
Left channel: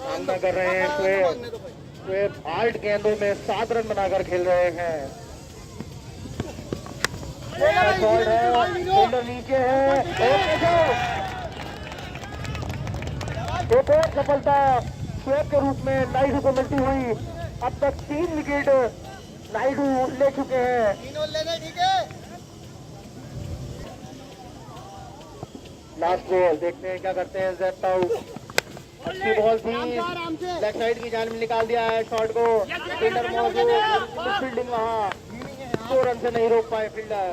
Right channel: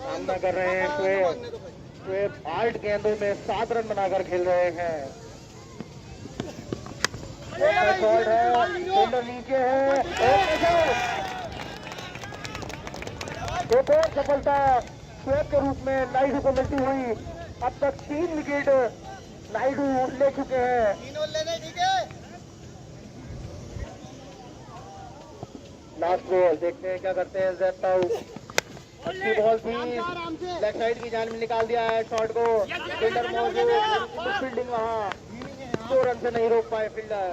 सामना कर रहे हैं शोएब 8 गेंदों में 7 रन बनाकर खेल रहे हैं। शॉट है, फील्डर नीचे है, एक और सफलता स्वेप के रूप में नायडू को मिलती हुई। अब तक 3 विकेट नायडू ले चुके हैं। तीनों ले ले, ठीक है। लास्ट बॉल देखते हैं क्या करते हैं जेड ताऊ। अच्छी बॉल थी, लेग साइड की जान में निकाल दिया है शॉट को। फील्डर फील्डिंग वहाँ 2 रन से नहीं रोक पाए फील्डर।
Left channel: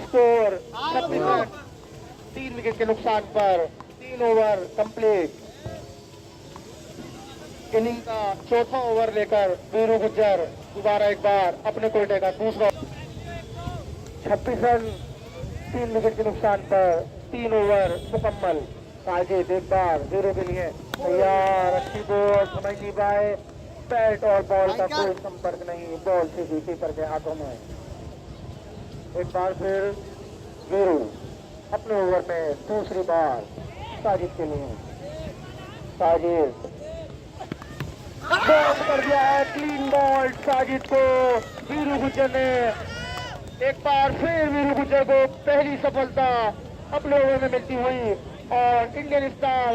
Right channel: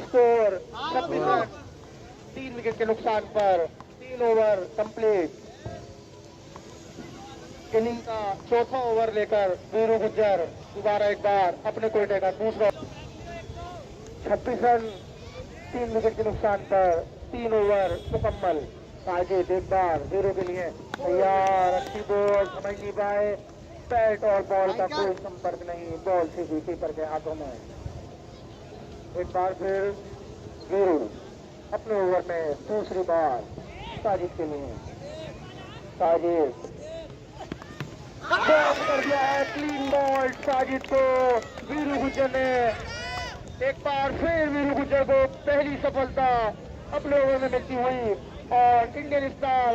स्कोर 26 रन 3 विकेट के नुकसान पर 3 ओवर कंप्लीट। इनिंग का चौथा ओवर लेकर वीरू गुज्जर दोबारा एक बार अपने कोटे का दूसरा 26 रन 3 विकेट के नुकसान पर 3 ओवर मुकम्मल। आगे एक बार वीरू के लिए तैयार, अच्छी बॉल समझ नहीं पाए, बैट और बॉल का कोई संपर्क नहीं, बॉल सीधी कीपर के हाथों में। एक बार फिर वीरू अपने ओवर में दूसरी बार साजिद के लिए। साजिद बॉल कर दिया है, क्लीन बॉल साजिद को वीरू गुज्जर ने। एक बार फिर वीरू गुज्जर को पहली सफलता अपने ओवर में मिलती हुई और इंडियन स्टार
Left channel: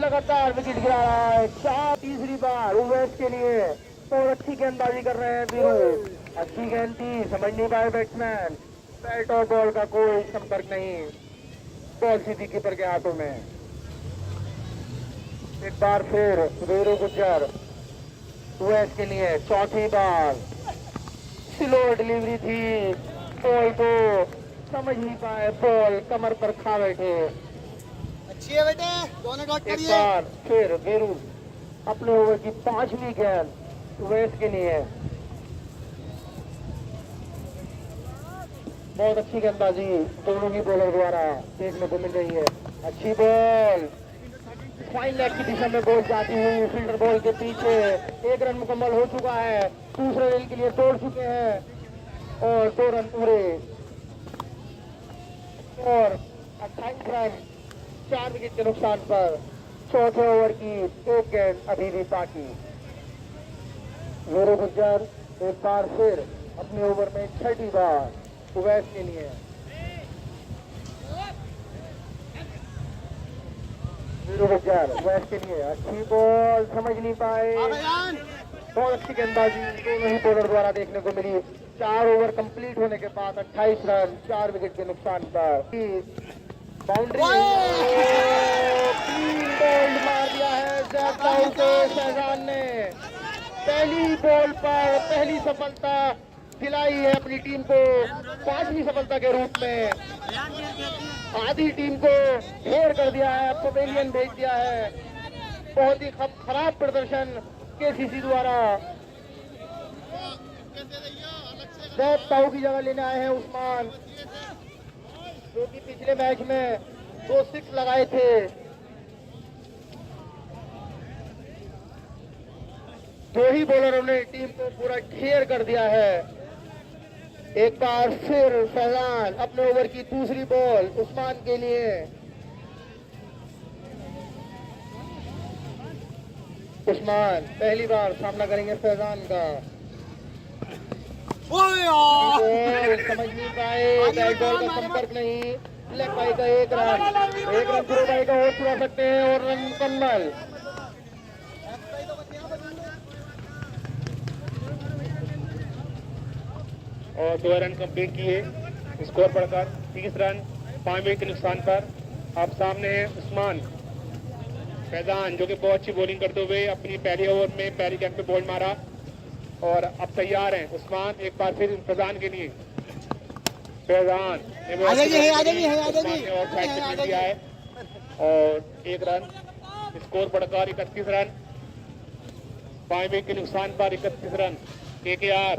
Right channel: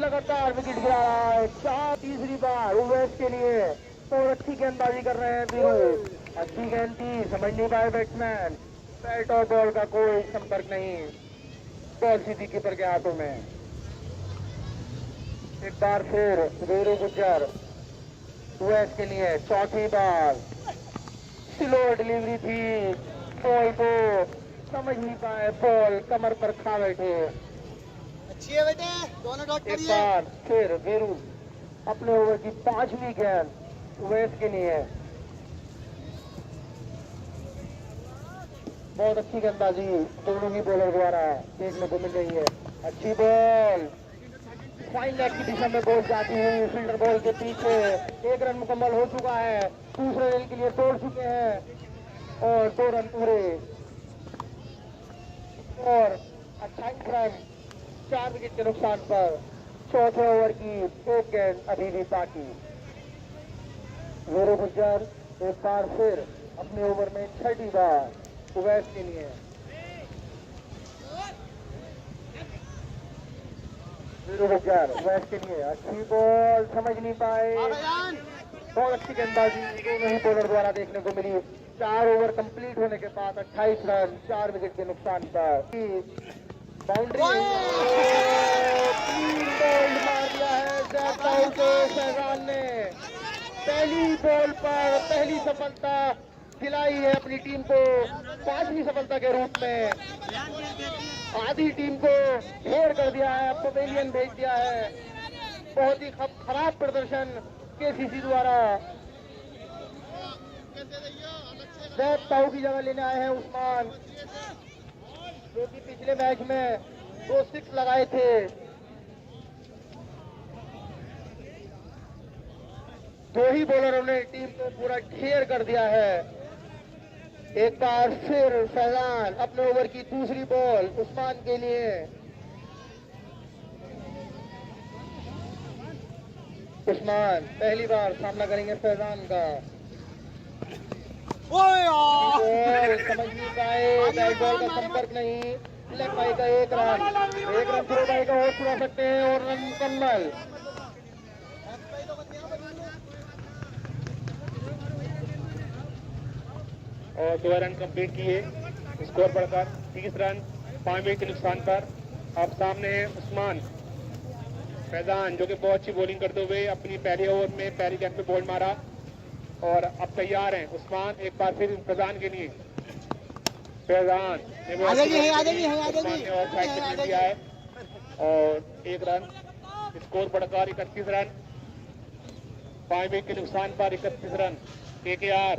लगातार विकेट गिरा रहा है। 4 तीसरी बार ओवर्स के लिए तो अच्छी गेंदबाजी कर रहे हैं वीरू। अच्छी गेंद थी, समझ नहीं पाए बैट्समैन, बैट और बॉल का कोई संपर्क नहीं, बॉल सीधी कीपर के हाथों में। एक बार फिर वीरू गुज्जर ओवर्स के लिए चौथी बार। स्लो डिलीवरी थी, बॉल को समझ नहीं पाए, बॉल कमर पर खा बैठे। अच्छी है बेटे, दोनों डॉट एक करिए। बार फिर वीरू अपने ओवर की 5वीं गेंद वेस्ट के लिए। बहुत अच्छी गेंदबाजी दोनों ही बॉलर द्वारा देखने को मिल रही है। अच्छी बॉल फाइन लेग की दिशा में बॉल जाती हुई फील्डर बॉल के पीछे। 1 रन मुकम्मल हो चुका है, दूसरे रन के लिए तोड़ चुके हैं और 2 रन पूरे और 28 रन 4 विकेट के नुकसान पर चौथे ओवर की 1 गेंद अभी भी बाकी। वीरू गुज्जर एक बार फिर अपने ओवर में 6ठी बार उवैस के लिए। वीरू गुज्जर उवैस के लिए अच्छी बॉल समझ नहीं पाए, बहुत अच्छी गेंदबाजी दोनों ही बॉलर द्वारा देखने को मिली। 4 ओवर कंप्लीट होने के बाद 28 रन 4 विकेट के नुकसान पर बाउंड्री मार दिया है शहजाद ने। पहली बॉल पर पहली सफलता दिलाई है अपनी टीम को, 5वीं सफलता के रूप में। आधी टीम को ढेर कर दिया है, पवेलियन भेज दिया है। बहुत ही खराब प्रदर्शन केसीसी द्वारा। बहुत ताऊ की जगह लेने आए हैं उस्मान, जो कि पिछले मैच में 2 6 लगाए थे। दो ही बॉलरों ने टीम को पूरा ढेर कर दिया है। एक बार फिर फैजान अपने ओवर की दूसरी बॉल उस्मान के लिए। उस्मान पहली बार सामना करेंगे फैजान का। समझ नहीं पाए, बैट बॉल का संपर्क नहीं, लेग बाई का 1 रन पूरे बाई का और छुड़ा सकते हैं और रन मुकम्मल। और 2 रन कंप्लीट किए, स्कोर बढ़कर 30 रन 5 विकेट के नुकसान पर। आप सामने है उस्मान फैजान, जो कि बहुत अच्छी बॉलिंग करते हुए अपनी पहली ओवर में पहली गेंद पे बॉल मारा और अब तैयार हैं उस्मान एक बार फिर फैजान के लिए। फैजान दिया है और 1 रन, स्कोर बढ़कर 31 रन 5 विकेट के नुकसान पर 31 रन। KKR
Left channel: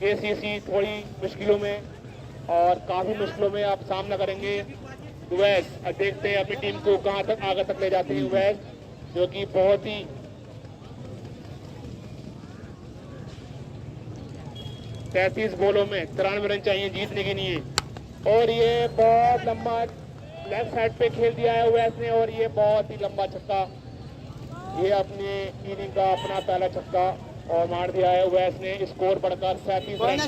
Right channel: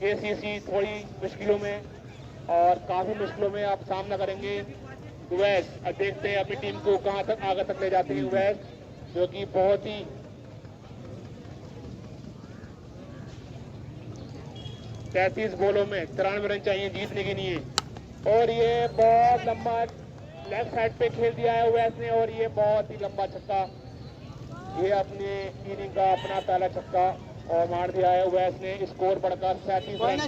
ACC थोड़ी मुश्किलों में और काफी मुश्किलों में आप सामना करेंगे उवैस। अब देखते हैं अपनी टीम को कहां तक आगे तक ले जाते हैं उवैस, जो कि बहुत ही 33 बॉलों में 93 रन चाहिए जीतने के लिए। और ये बहुत लंबा लेफ्ट साइड पे खेल दिया है उवैस ने और ये बहुत ही लंबा छक्का, ये अपने इनिंग का अपना पहला छक्का और मार दिया है उवैस ने। स्कोर बढ़कर 37 रन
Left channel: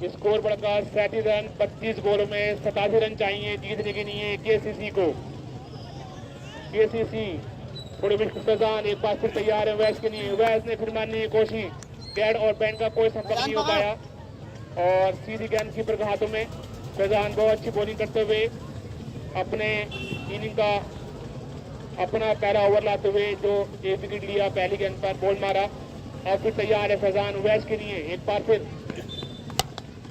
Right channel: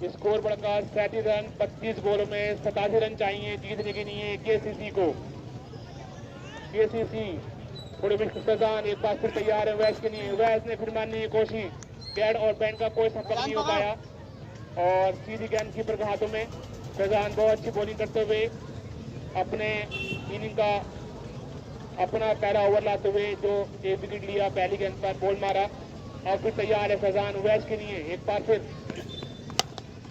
स्कोर बढ़कर 37 रन। 25 बॉलों में 87 रन चाहिए जीतने के लिए केसीसी को। केसीसी थोड़ी मुश्किल फैजान एक बार फिर तैयार है वैस के लिए। वैस ने फिर मारने की कोशिश, कैड और बैन का कोई संपर्क नहीं हो पाया और सीधी गेंद कीपर के हाथों में। फैजान बहुत अच्छी बॉलिंग करते हुए अपने इनिंग का अपना पहला ओवर लाते हुए जो एक विकेट लिया, पहली गेंद पर बॉल मारा और फिर तैयार है फैजान वैस के लिए एक बार फिर।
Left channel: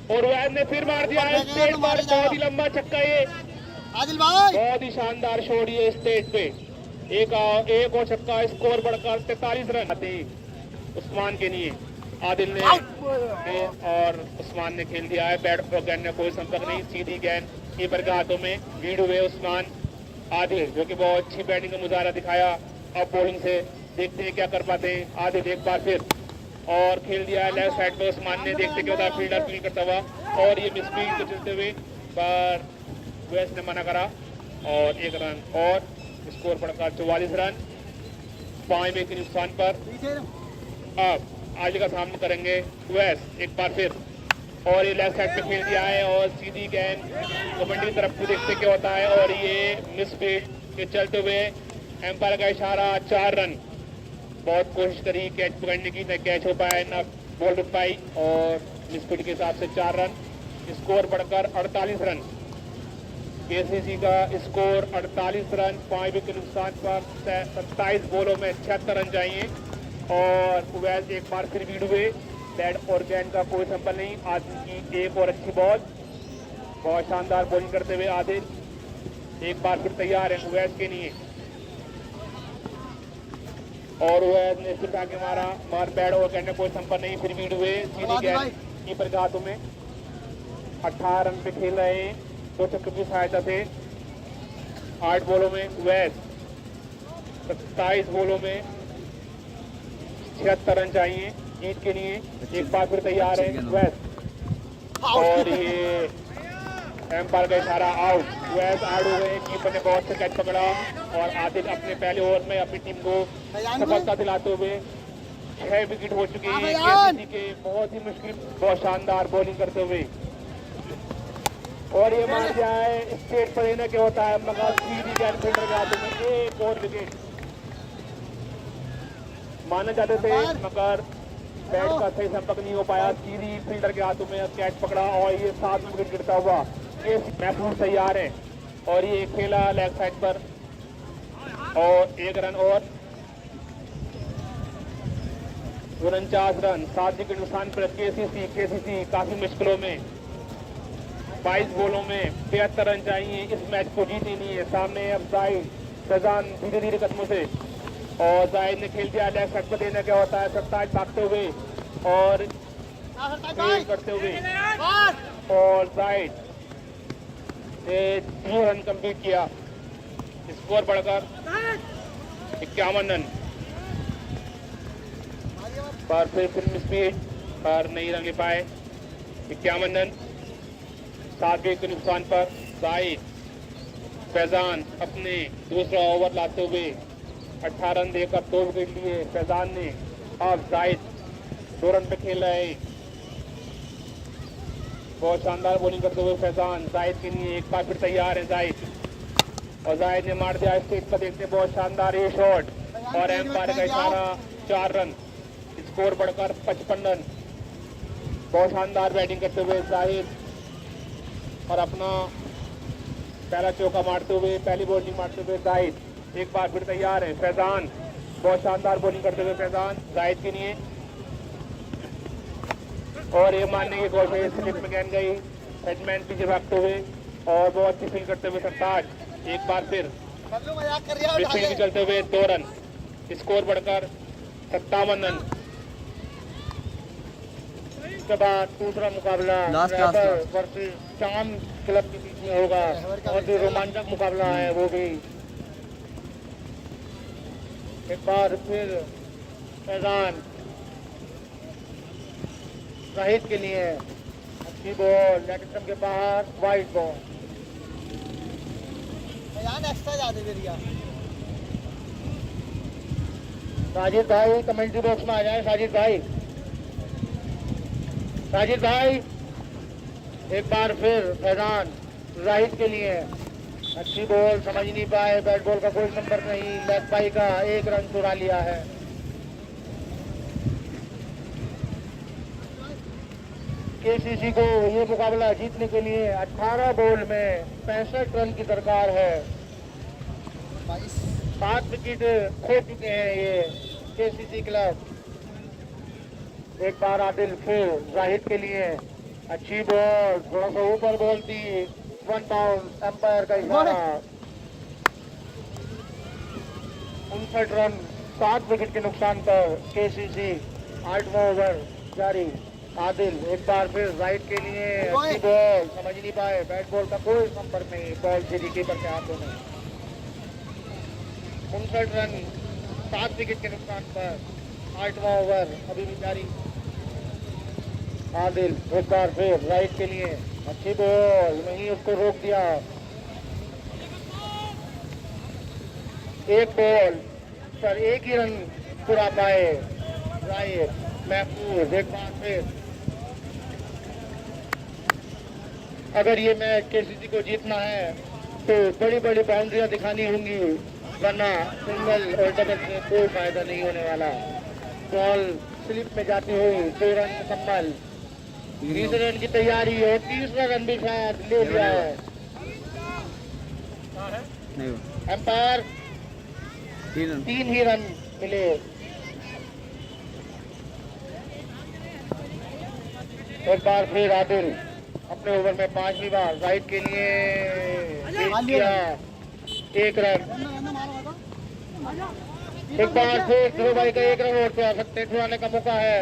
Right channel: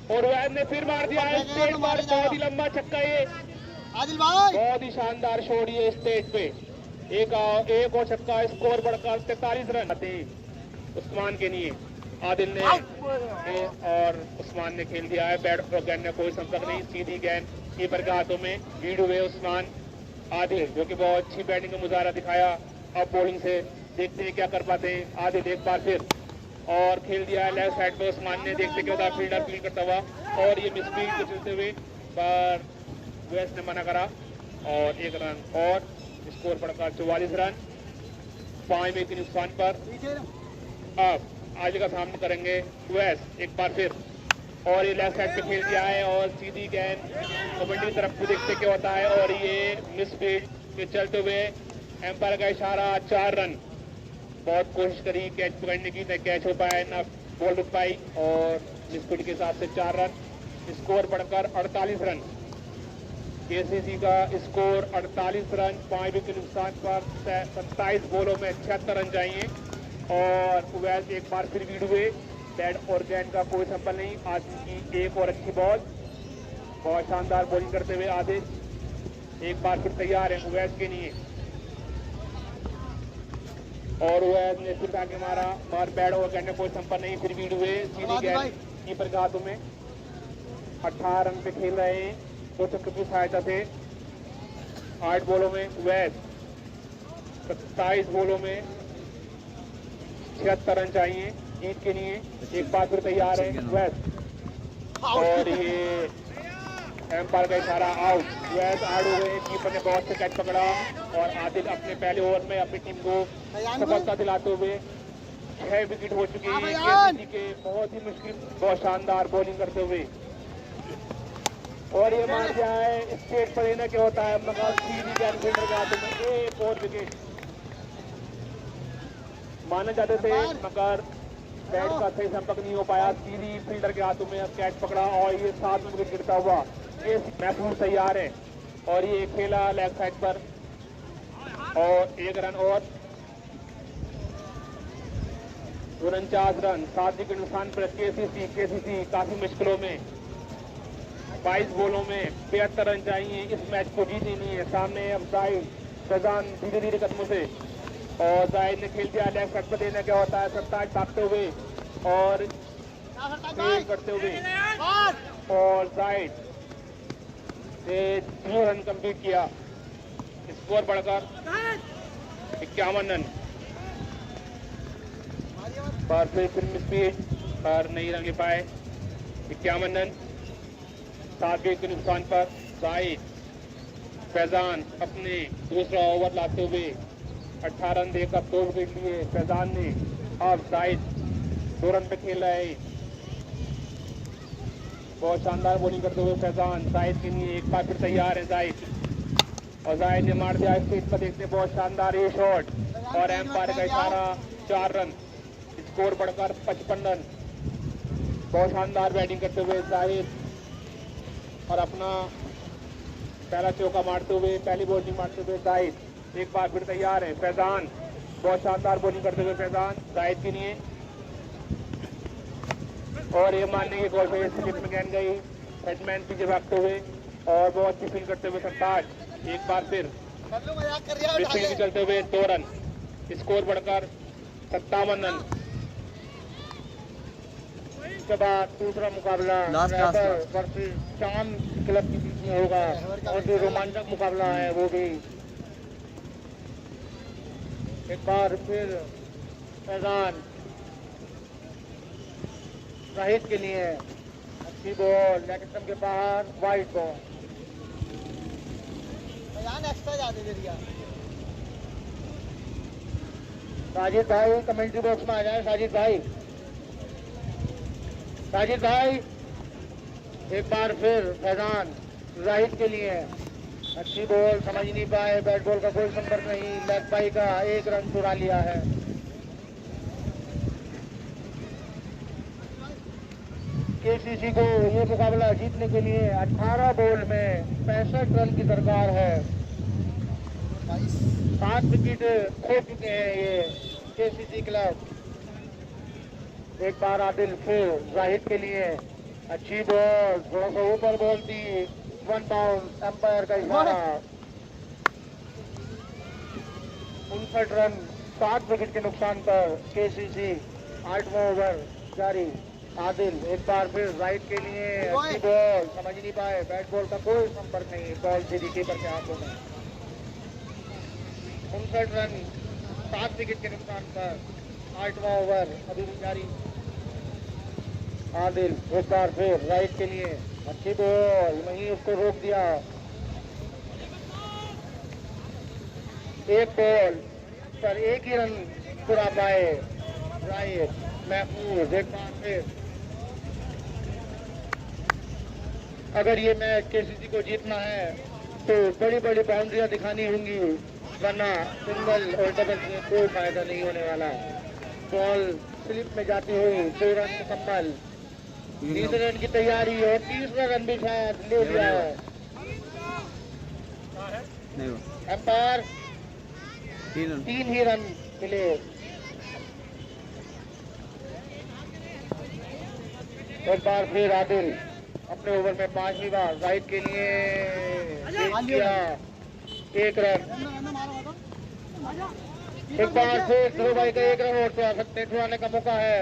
और वैस ने फिर मार दिया है स्टेट पर, बहुत ही लंबा छक्का ये, आदिल भाई बहुत ही शानदार शॉट ये स्टेट पे। एक और छक्का, स्कोर बढ़कर 43 रन आते उस्मान के लिए। आदिल ने और उस्मान ने खेल दिया है, बैट और गेंद में कोई संपर्क नहीं, सीधी गेंद कीपर के हाथों में। लीड हुए उस्मान। आदिल जो कि बहुत अच्छी बैटिंग का मुजाहरा दिखाया, अब बॉलिंग से देखते हैं क्या कर पाते हैं। आदिल एक बार फिर और खेल दिया है लेफ्ट साइड पे उस्मान ने, देखते क्या होता फील्डर फील्ड करता हुआ और ये मिसफील्ड पे चलते हुए पर वेस्ट ने मना करा और 1 रन और स्कोर बढ़कर 44 रन। 5 विकेट के नुकसान पर अब आज का सामना करेंगे वेस्ट एक बार फिर और ये लेफ्ट साइड पे खेल दिया है और सीधी गेंद कबड्डी तरफ से देखते क्या होता है और ये मिसफील्ड के चलते हुए एम्पायर का इशारा। 4 रन। बहुत कोशिश करी कैच पकड़ने की, न कैच हो पाया न बॉल रुक पाई और मिसफील्ड के हिसाब से 4 रन। स्कोर बढ़कर 48 रन। केसीसी का स्कोर 48 रन। 5 विकेट के नुकसान पर 27 बॉलों में 76 रन चाहिए और वैस एक बार फिर लीड हुए। बैट और गेंद का कोई संपर्क नहीं। आदिल की एक और अच्छी बॉल, बहुत शानदार बॉलिंग करते हुए आदिल एक बार फिर तैयार है वैस के लिए और वैस ने फिर आगे मारा और बैट और गेंद में कोई संपर्क नहीं, फिर लीड हुए। सीधी गेंद कीपर के हाथों में। 18 रन पे खेल रहे हैं, 2 छक्के की सहायता से। 8 बॉलों में वैस, 27 बॉलों में 76 रन चाहिए जीत के लिए। एक बार फिर तैयार है वैस और ये एम्पायर का इशारा आउट। वैस आउट हो गए। कीपर ने बहुत से कैच पकड़ा और आदिल अपने पहले ओवर में अपनी टीम को सफलता दिलाते हुए 6 विकेट हो चुकी है केसीसी के। बहुत ही मुश्किल, बहुत शानदार बॉलिंग करते हुए और ये मान दिया है स्टेट पर लेना क्या होता है मगर सीधी गेंद फील्डर के हाथों में। एक और विकेट माने जाते थे मगर बैट का सही संपर्क नहीं हो पाया। सीधी फील्डर के हाथों में कैच पकड़ा और ये 7 विकेट गिरता हुआ ये महसूस तैयार है और ये खेला लेफ्ट साइड पर और 1 रन और 49 रन। 7 विकेट नुकसान पर केसीसी काफी मुश्किलों में। 22 बॉलों में 73 रन चाहिए, इस मैच को जीतनी नहीं है। सामने अब जाहिद फैजान धीरे धीरे कदमों से और जाहिद ने खेल दिया लेफ्ट साइड पर। देना क्या होता है 27 भागते हुए और करते हुए और जाहिद ने 2 रन कंप्लीट किया। स्कोर बढ़कर 51 रन पर फिर स्पीड और नहीं रन ले पाए। 51 रन। 7 विकेट के नुकसान पर जाहिद फैजान अपने दूसरा ओवर लाते हुए 18 रन देकर 2 विकेट लिए फैजान ने। अब जाहिद 2 रन पे खेल रहे हैं। बहुत शानदार बॉलिंग करते हुए फैजान जाहिद के लिए एक बार फिर तैयार है जाहिद और जाहिद ने मार दिया स्टेट पर। देखते बहुत शानदार ये शॉट और एम्पायर का इशारा। 4 रन। स्कोर बढ़कर 55 रन। बहुत शानदार बैटिंग करते हुए जाहिद और अपना पहला चौका मारते हुए, पहली बॉलिंग मारते हुए जाहिद एक बार फिर तैयार है। फैजान बहुत शानदार बॉलिंग करते हुए फैजान जाहिद के लिए और ये मारने की कोशिश स्लिप में गेंद गई, बैट्समैन पीछे भागते हुए और बहुत अच्छी फील्ड करते हुए सरताज एक बार फिर फील्ड चलते हुए 2 रन। स्कोर बढ़कर 57 रन। इसके बाद दूसरा मुकाबला शाम क्लब के बीच में होगा और जो रोमांचक मुकाबला है वो भी एक बार फिर फैजान शहीद के लिए अच्छी बॉल नेट के बाहर वाइड बॉल। साजिद भाई कमेंट्री बॉक्स में आ जाए। साजिद भाई एक बार फिर फैजान जाहिद के लिए अच्छी बॉल, समझ नहीं पाए, बैट बॉल का कोई नंबर नहीं, लेग बाई का 1 रन चुरा लिया है। केसीसी को ये मुकाबला जीतने के लिए 18 बॉल में 65 रन की दरकार है। 7 विकेट खो चुके हैं ये केसीसी क्लब। एक बार आदिल फिर जाहिद के लिए अच्छी बॉल, थोड़ा सा ऊपर बॉल थी, 1 डाउन, अंपायर का इशारा। 59 रन 7 विकेट के नुकसान पर केसीसी 8वां ओवर जारी। आदिल एक बार फिर राइट के लिए अच्छी बॉल, समझ नहीं पाए, बैट बॉल का कोई संपर्क नहीं, बॉल सीधी कीपर के हाथों में। 59 रन 7 विकेट के नुकसान पर 8वां ओवर अभी भी जारी। आदिल एक बार फिर राइट के लिए अच्छी बॉल, नहीं उसको रोक दिया। एक बॉल पर 1 ही रन पूरा पाए राइट महफूज। एक बार फिर अगर ये मैच केसीसी को जीतना है तो बड़ी बड़ी बाउंड्रियां दिखानी होंगी, वरना सिंगल और डबल में कोई फायदा नहीं होने वाला। बॉल स्लिप में जाती हुई 2 रन मुकम्मल, 20 रन की तैयारी और 30वां रन भी शायद ले लिया है। नहीं अंपायर 3 ही रन मिले। एक बार फिर आदिल अपने ओवर में 5वीं बार राइट के लिए किया 1 रन। एक बार फिर ध्रुव भाई का 1 रन और क्या सकते छुड़ाने का मौका है।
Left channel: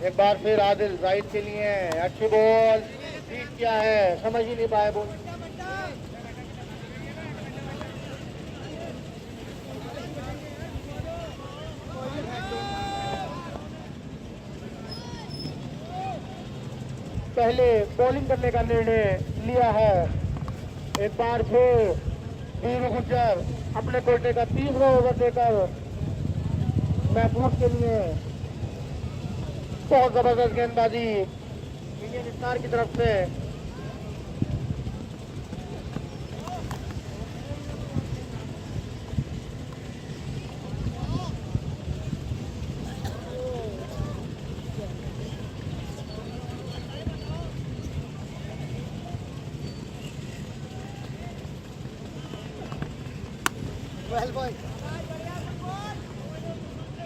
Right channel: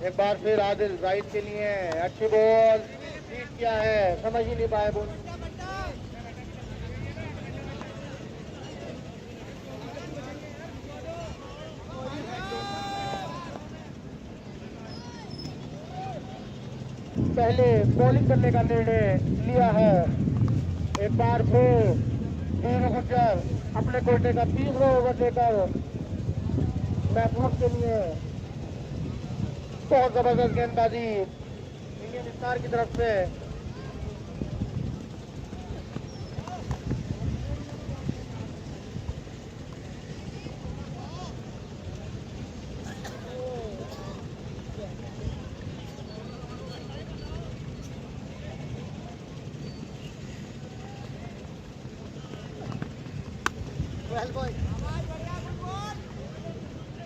एक बार फिर आदिल राइट के लिए अच्छी बॉल, बीट किया है, समझ ही नहीं पाया बॉल। पहले बॉलिंग करने का निर्णय लिया है। एक बार फिर वीरू गुर्जर अपने कोटे का 30वां ओवर लेकर महफूज के लिए बहुत जबरदस्त गेंदबाजी इंडियन स्टार की तरफ से।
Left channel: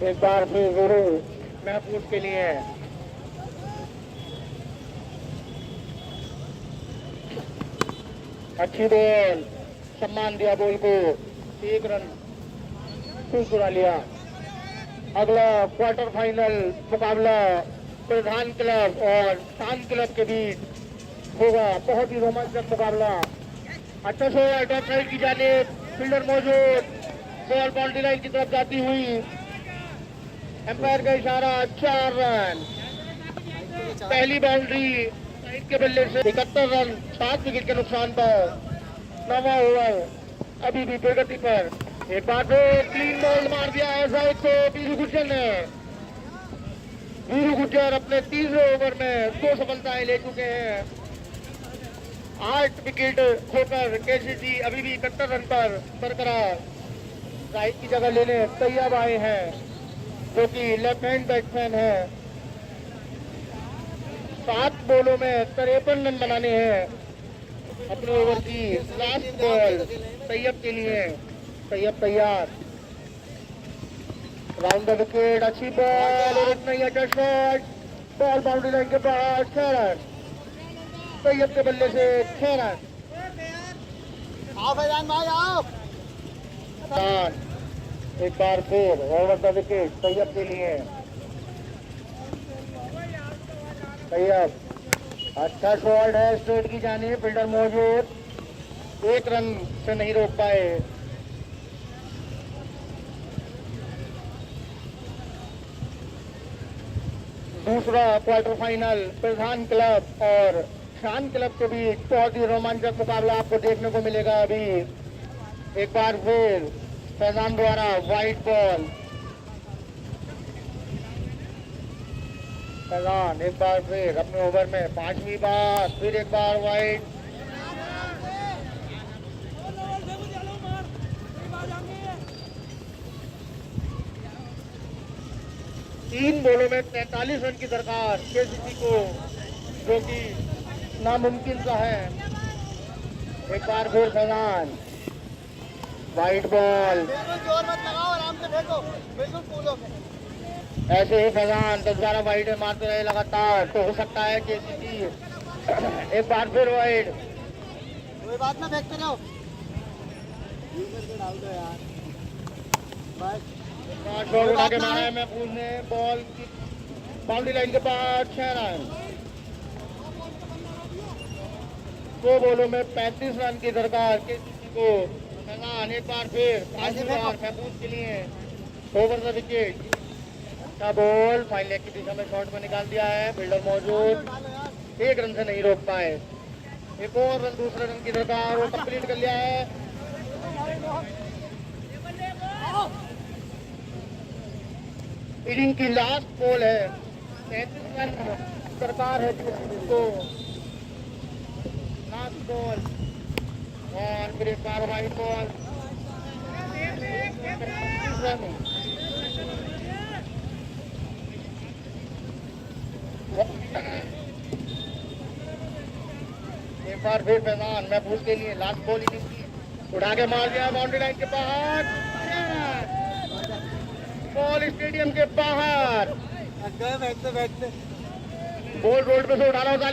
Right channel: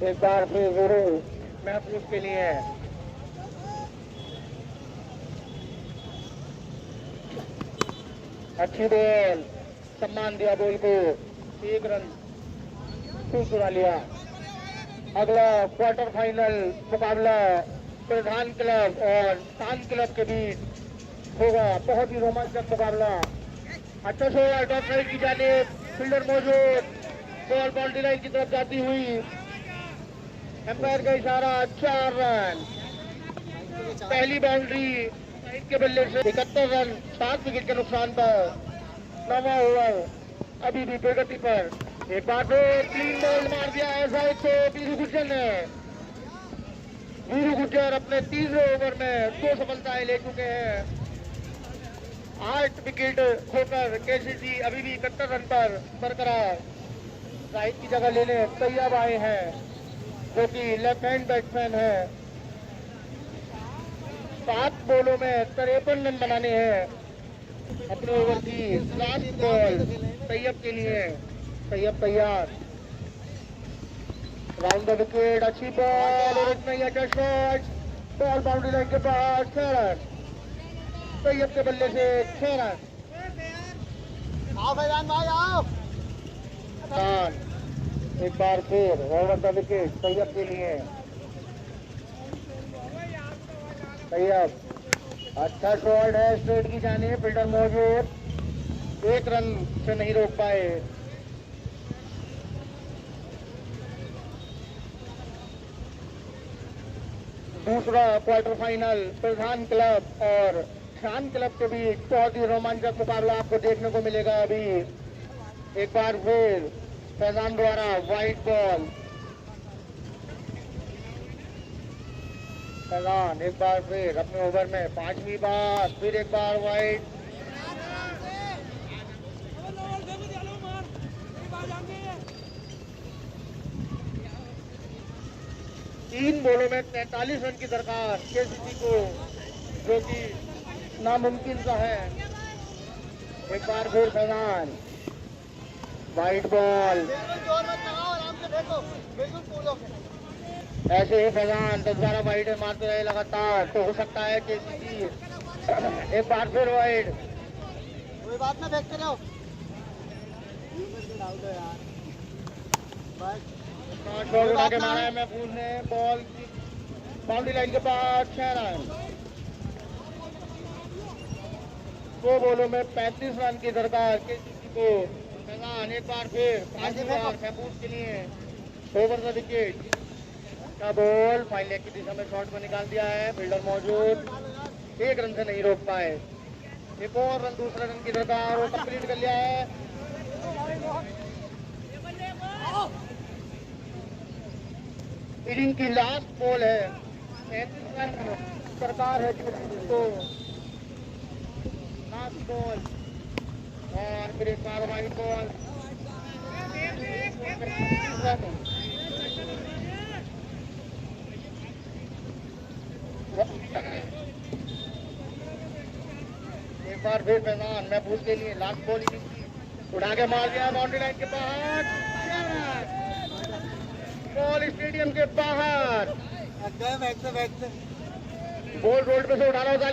एक बार फिर वीरू महफूज के लिए अच्छी बॉल, सम्मान दिया बॉल को, 1 रन फिर चुरा लिया। अगला क्वार्टर फाइनल मुकाबला प्रधान क्लब और शान क्लब के बीच होगा, बहुत ही रोमांचक मुकाबला। अच्छा से टॉप साइड की जानिब फील्डर मौजूद, बॉल बाउंड्री लाइन की तरफ जाती हुई, एम्पायर का इशारा, 4 रन। पहली बाउंड्री साइड के बल्ले से 71 रन 7 विकेट के नुकसान पर 9वां ओवर अभी भी प्रगति पर। एक बार फिर 3 बॉल मार दिया है साइड को वीरू गुर्जर ने। वीरू गुर्जर अपने 30वें ओवर में 2 सफलताएं ले चुके हैं। 8 विकेट खोकर केसीसी अभी भी 71 रन पर बरकरार साइड की जगह लेने तैयार आए हैं, जो कि लेफ्ट हैंड बैट्समैन है। 7 बॉलों में 53 रन बनाने हैं। अपने ओवर की लास्ट बॉल तैयब के लिए, तैयब तैयार, राउंड द विकेट, अच्छी बॉल और इतना ही अच्छा शॉट, बॉल बाउंड्री लाइन के पास, 6 रन। तैयब के बल्ले से 6 रन। एक बार फिर ओवर द विकेट तैयब के लिए। तैयब अच्छा शॉट है स्ट्रेट की जाने, फील्डर मौजूद, 1 रन से नहीं रोक पाए। दूसरा क्वार्टर फाइनल प्रधान क्लब और शान क्लब के बीच बहुत ही रोमांचक मुकाबला आपको देखने को मिलेगा अभी। एक बार फिर फैजान द्वारा वाइट बॉल, फैजान एक बार फिर अपने ओवर में 5वीं बार फिर एक बार वाइट। तीन बॉलों में 43 रन की दरकार केसीसी को, जो कि नामुमकिन सा है। एक बार फिर फैजान वाइट बॉल, जोर मत लगाओ, आराम से देखो, बिल्कुल कूलो। ऐसे ही फैजान 10-12 वाइड मारते रहे लगातार तो हो सकता है केसीसी एक बार फिर वाइड। कोई बात ना, देखते जाओ। डाल दो यार, बॉल उठा के मारा है महफूज ने, बॉल की बाउंड्री लाइन के पास 6 रन। 2 बॉलों में 35 रन की दरकार केसीसी को। फैजान एक बार फिर 5वीं बार महफूज के लिए ओवर द विकेट का बॉल फाइन लेग की दिशा में शॉट में निकाल दिया है। फील्डर मौजूद, 1 रन से नहीं रोक पाए। एक और रन, दूसरा रन की दरकार, वो कंप्लीट कर लिया है। इनिंग की लास्ट बॉल है, 33 रन दरकार है तो लास्ट बॉल और फिर एक बार वाइड बॉल। एक बार फिर फैजान महफूज के लिए लास्ट बॉल इनिंग की, उड़ा के मार दिया बाउंड्री लाइन के बाहर। बॉल स्टेडियम के बाहर, बैठ से गोल रोड पे से उठाना होगा।